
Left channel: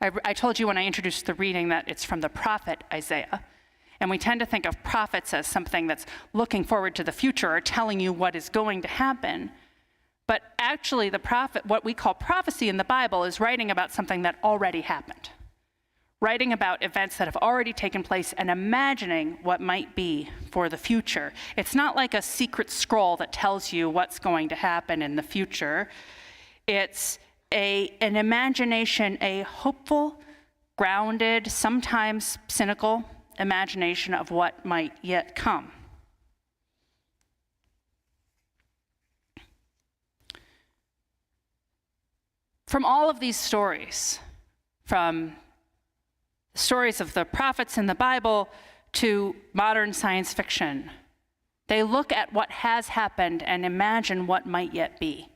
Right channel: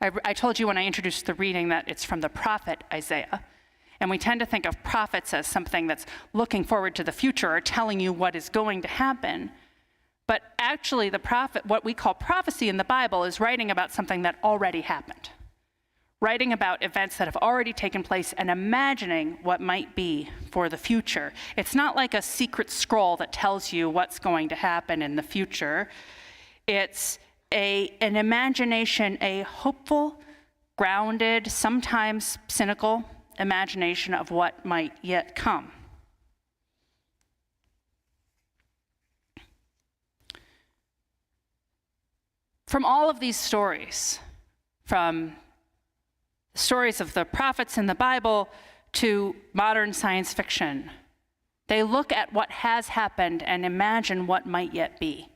I told you when I introduced the reading that it's from the prophet Isaiah, and we tend to think of prophets as something that's looking forward to the future or telling you what is going to happen. But actually, the prophet, what we call prophecy in the Bible, is writing about something that already happened, writing about events that have already taken place and imagining what might be for the future. It's not like a secret scroll that tells you what's going to happen in the future. It's an imagination, a hopeful, grounded, sometimes cynical imagination of what might yet come. From all of these stories, from stories of the prophets in the Bible to modern science fiction, they look at what has happened and imagine what might yet be.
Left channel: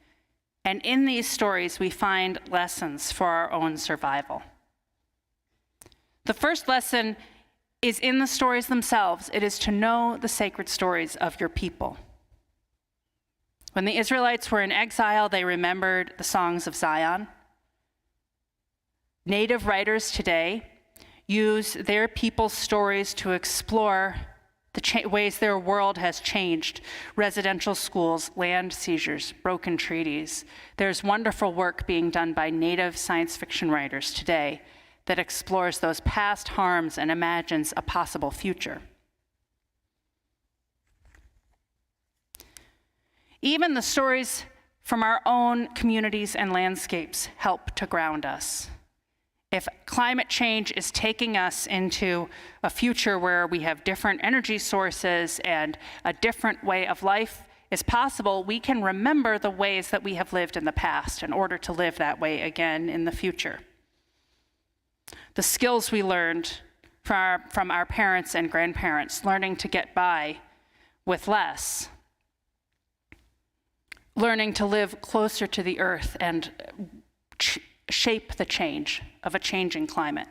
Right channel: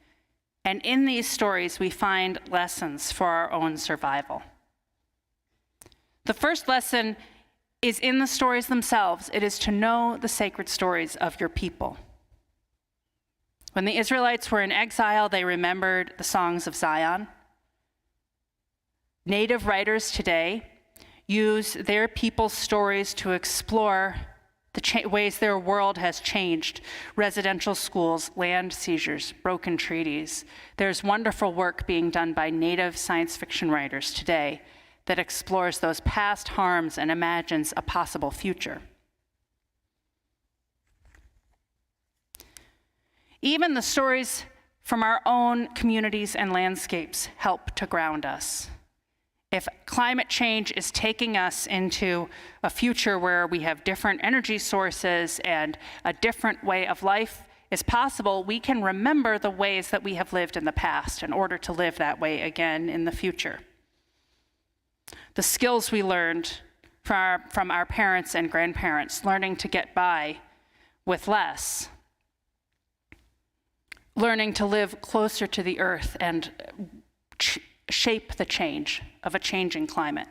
And in these stories, we find lessons for our own survival. The first lesson is in the stories themselves. It is to know the sacred stories of your people. When the Israelites were in exile, they remembered the songs of Zion. Native writers today use their people's stories to explore the ways their world has changed. Residential schools, land seizures, broken treaties. There's wonderful work being done by Native science fiction writers today that explores those past harms and imagines a possible future. Even the stories from our own communities and landscapes help to ground us. If climate change is taking us into a future where we have different energy sources and a different way of life is possible, we can remember the ways that we have lived in the past in order to live that way again in the future. The skills we learned from our parents and grandparents, learning to get by with less, learning to live closer to the earth and shape the change of a changing climate.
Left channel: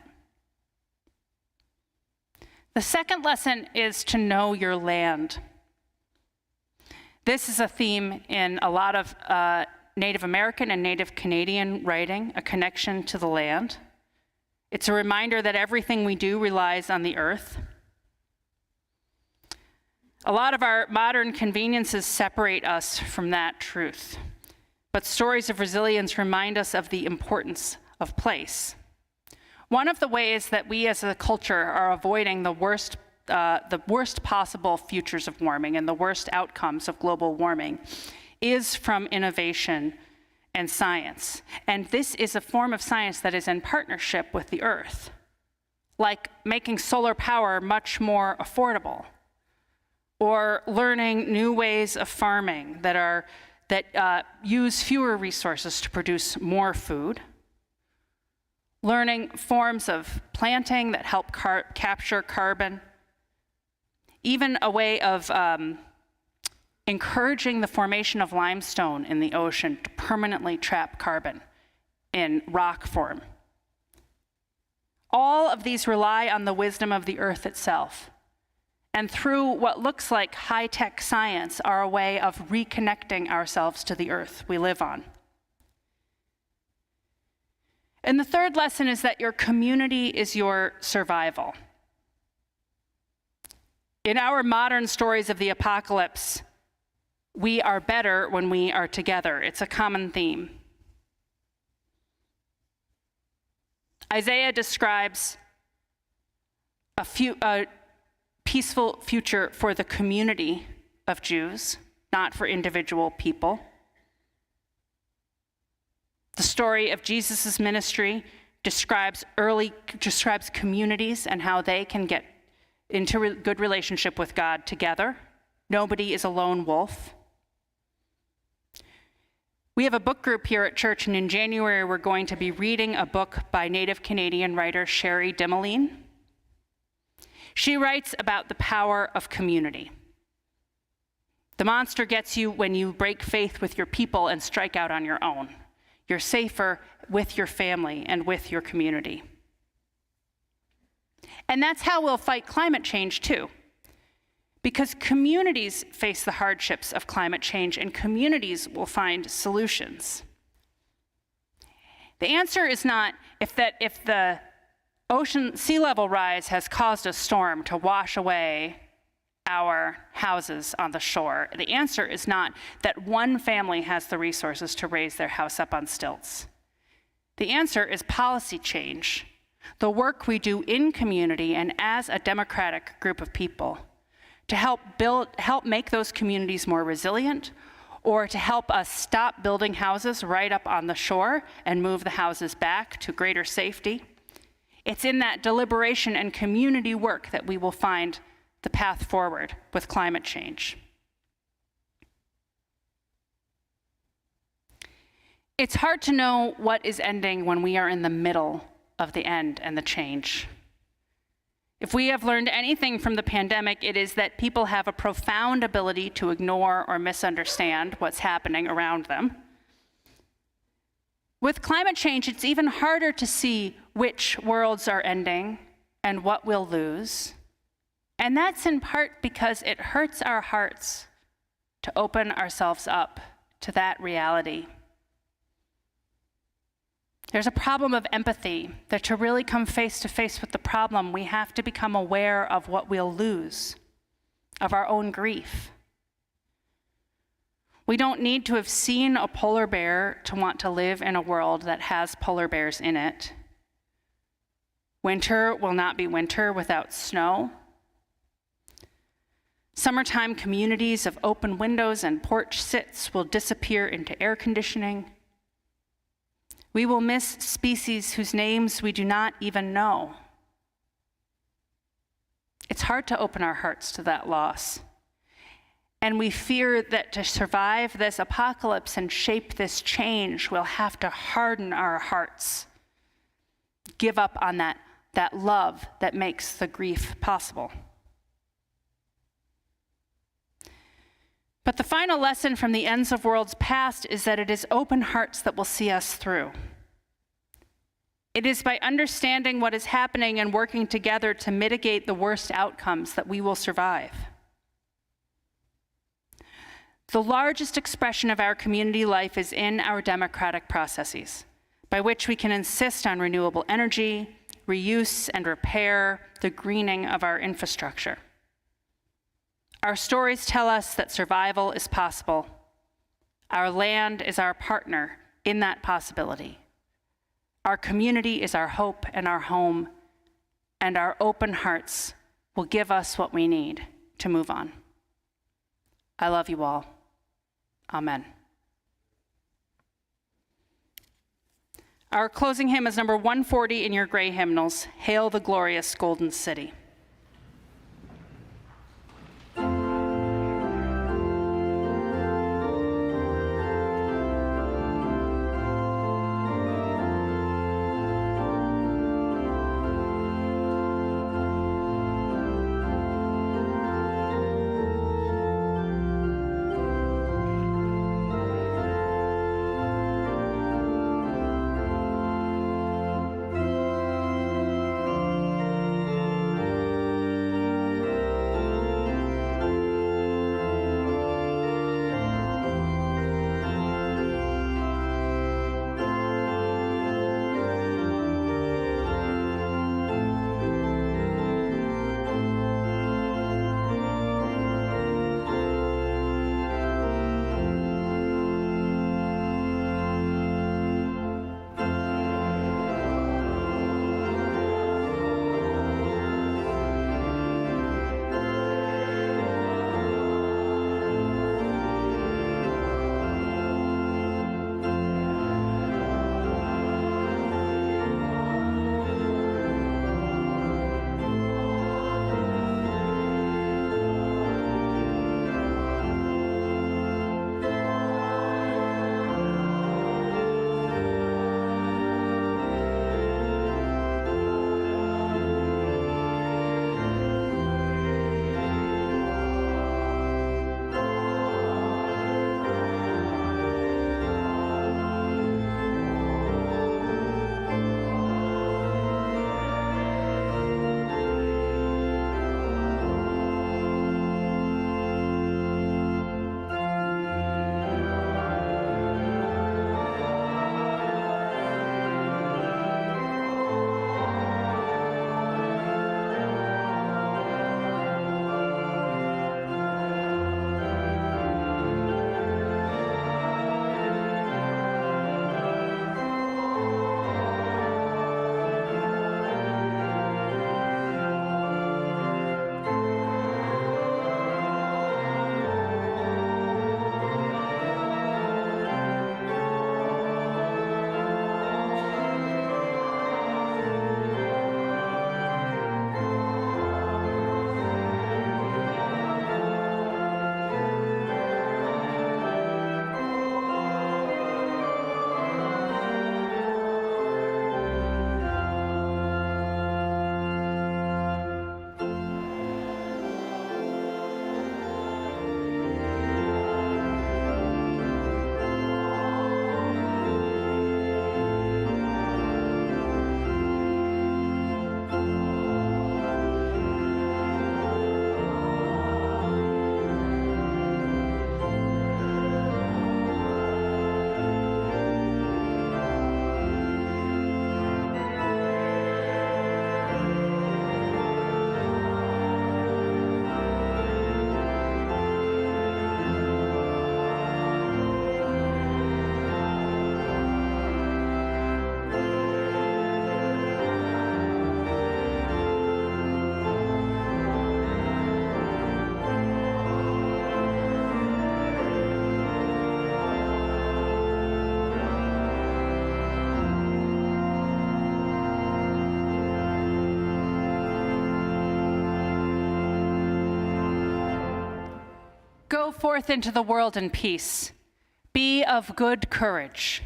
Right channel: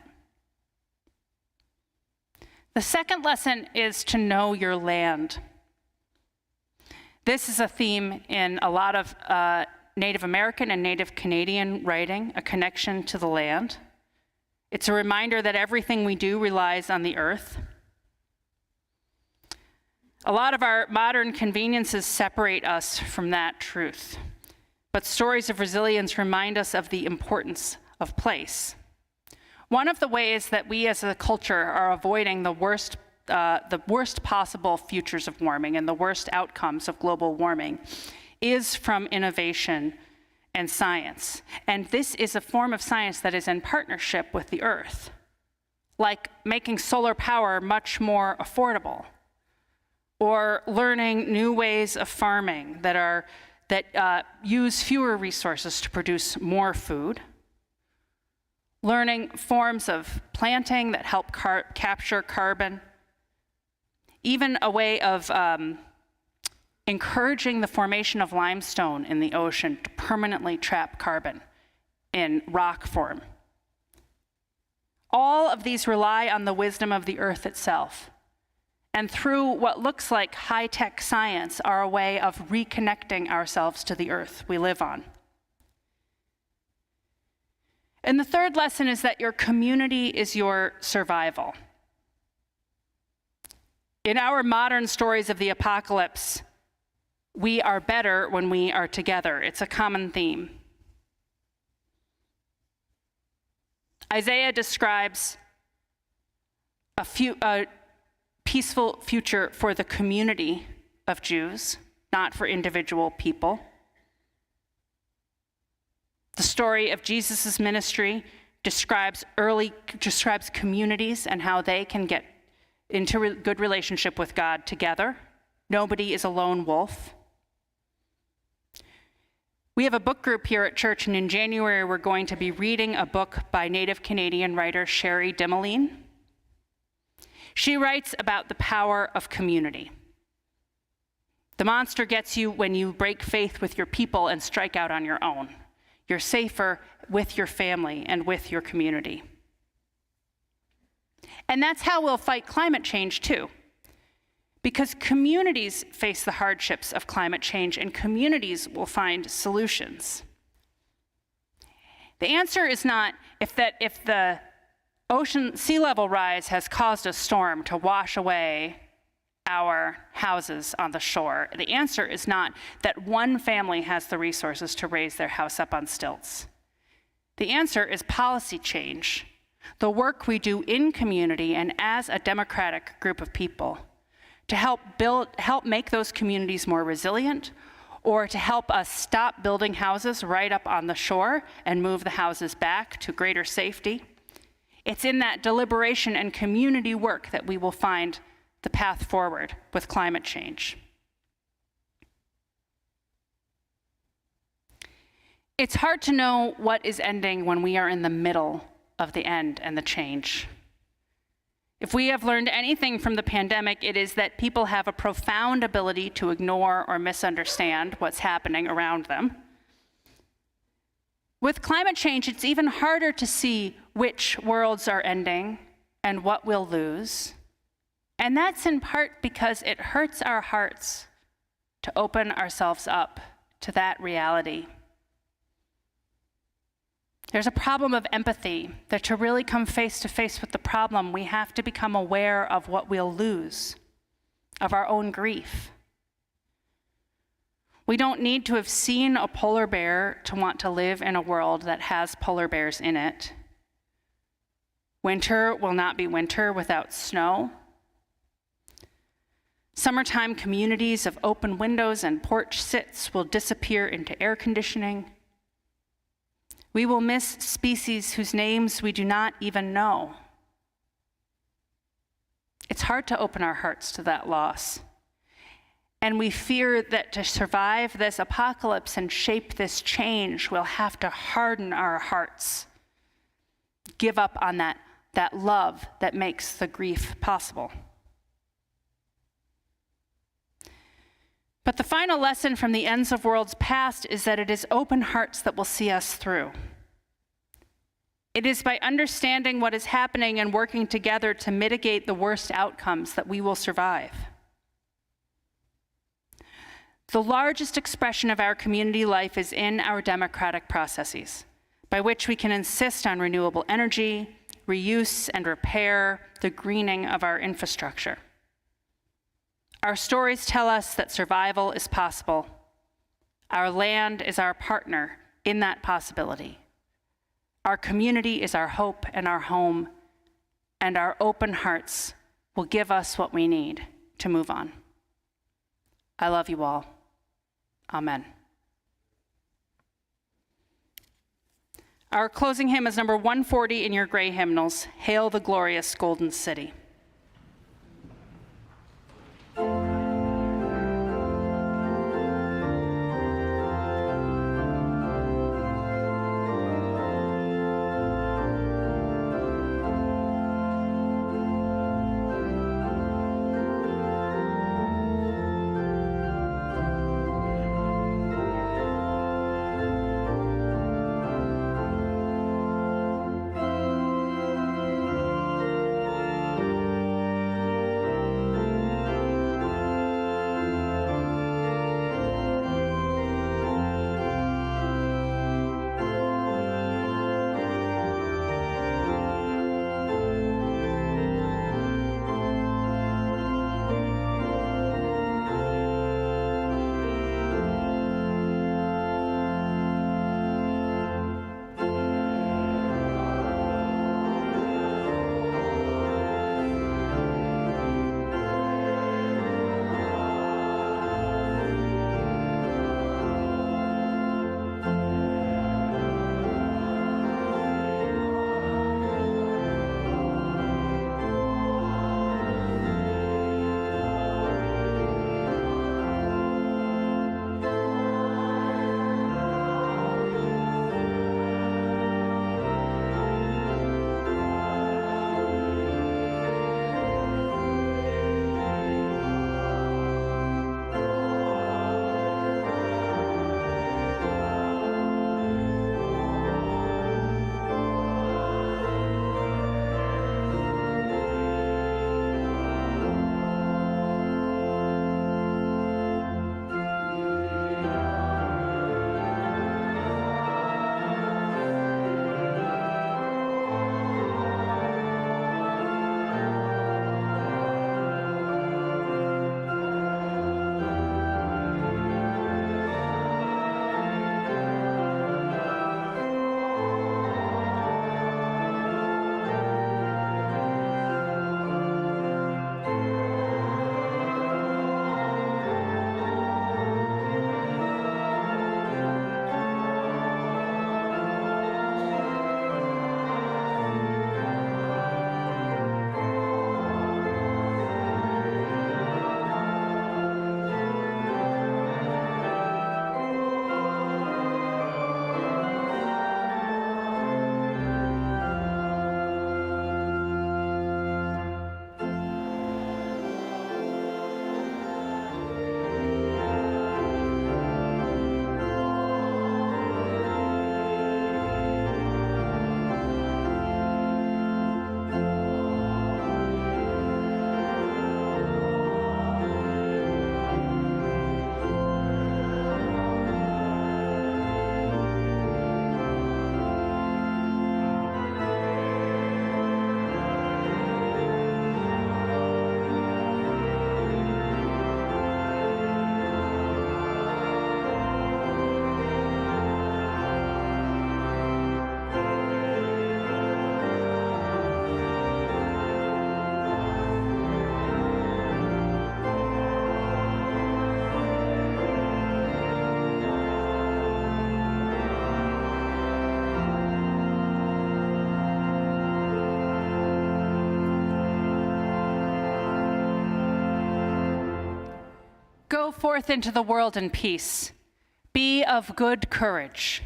The second lesson is to know your land. This is a theme in a lot of Native American and Native Canadian writing, a connection to the land. It's a reminder that everything we do relies on the earth. A lot of our modern conveniences separate us from that truth, but stories of resilience remind us of the importance of place. One of the ways that we as a culture are avoiding the worst possible futures of warming and the worst outcomes of global warming is from innovation and science. And this is a form of science that is in partnership with the earth, like making solar power much more affordable, or learning new ways of farming that use fewer resources to produce more food, learning forms of planting that help capture carbon, even a way of encouraging the formation of limestone in the ocean to permanently trap carbon in rock form. All of these rely on the wisdom of the earth itself, and through what looks like high-tech science are a way of reconnecting ourselves to the earth we live on. And the third lesson is that your community is your survival. In our modern stories of the apocalypse, we are better when we are together. It's a common theme. Isaiah describes a peaceful future for the community of Jews, not for individual people. The story of Jesus' ministry describes communities and how they can get into a good relationship with God together. Nobody is a lone wolf. We have a book group here at church, and in January we're going to be reading a book by Native Canadian writer Sherry Dimeline. She writes about the power of community. The monster gets you when you break faith with your people and strike out on your own. You're safer with your family and with your community. And that's how we'll fight climate change too. Because communities face the hardships of climate change, and communities will find solutions. The answer is not if the ocean sea level rise has caused a storm to wash away our houses on the shore. The answer is not that one family has the resources to raise their house up on stilts. The answer is policy change, the work we do in community and as a democratic group of people to help make those communities more resilient, or to help us stop building houses right up on the shore and move the houses back to greater safety. It's in that deliberation and community work that we will find the path forward with climate change. It's hard to know what is ending when we are in the middle of the end and the change. If we have learned anything from the pandemic, it is that people have a profound ability to ignore or misunderstand what's happening around them. With climate change, it's even harder to see which worlds are ending and what we'll lose. And that's in part because it hurts our hearts to open ourselves up to that reality. There's a problem of empathy, that to really come face to face with the problem, we have to become aware of what we'll lose, of our own grief. We don't need to have seen a polar bear to want to live in a world that has polar bears in it. Winter will not be winter without snow. Summertime communities of open windows and porch sits will disappear into air conditioning. We will miss species whose names we do not even know. It's hard to open our hearts to that loss. And we fear that to survive this apocalypse and shape this change, we'll have to harden our hearts, give up on that love that makes the grief possible. But the final lesson from the ends of worlds past is that it is open hearts that will see us through. It is by understanding what is happening and working together to mitigate the worst outcomes that we will survive. The largest expression of our community life is in our democratic processes, by which we can insist on renewable energy, reuse and repair, the greening of our infrastructure. Our stories tell us that survival is possible. Our land is our partner in that possibility. Our community is our hope and our home, and our open hearts will give us what we need to move on. I love you all. Amen. Our closing hymn is number 140 in your gray hymnals, Hail the Glorious Golden City. Go forth into the world in peace. Be of good courage.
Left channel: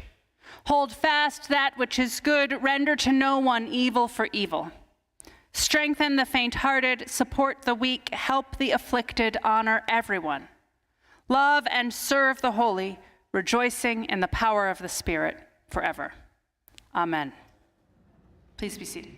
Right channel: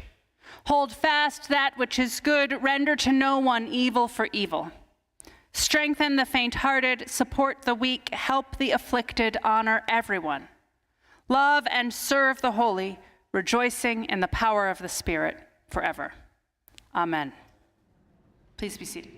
Hold fast that which is good. Render to no one evil for evil. Strengthen the faint-hearted. Support the weak. Help the afflicted. Honor everyone. Love and serve the holy, rejoicing in the power of the Spirit forever. Amen. Please be seated.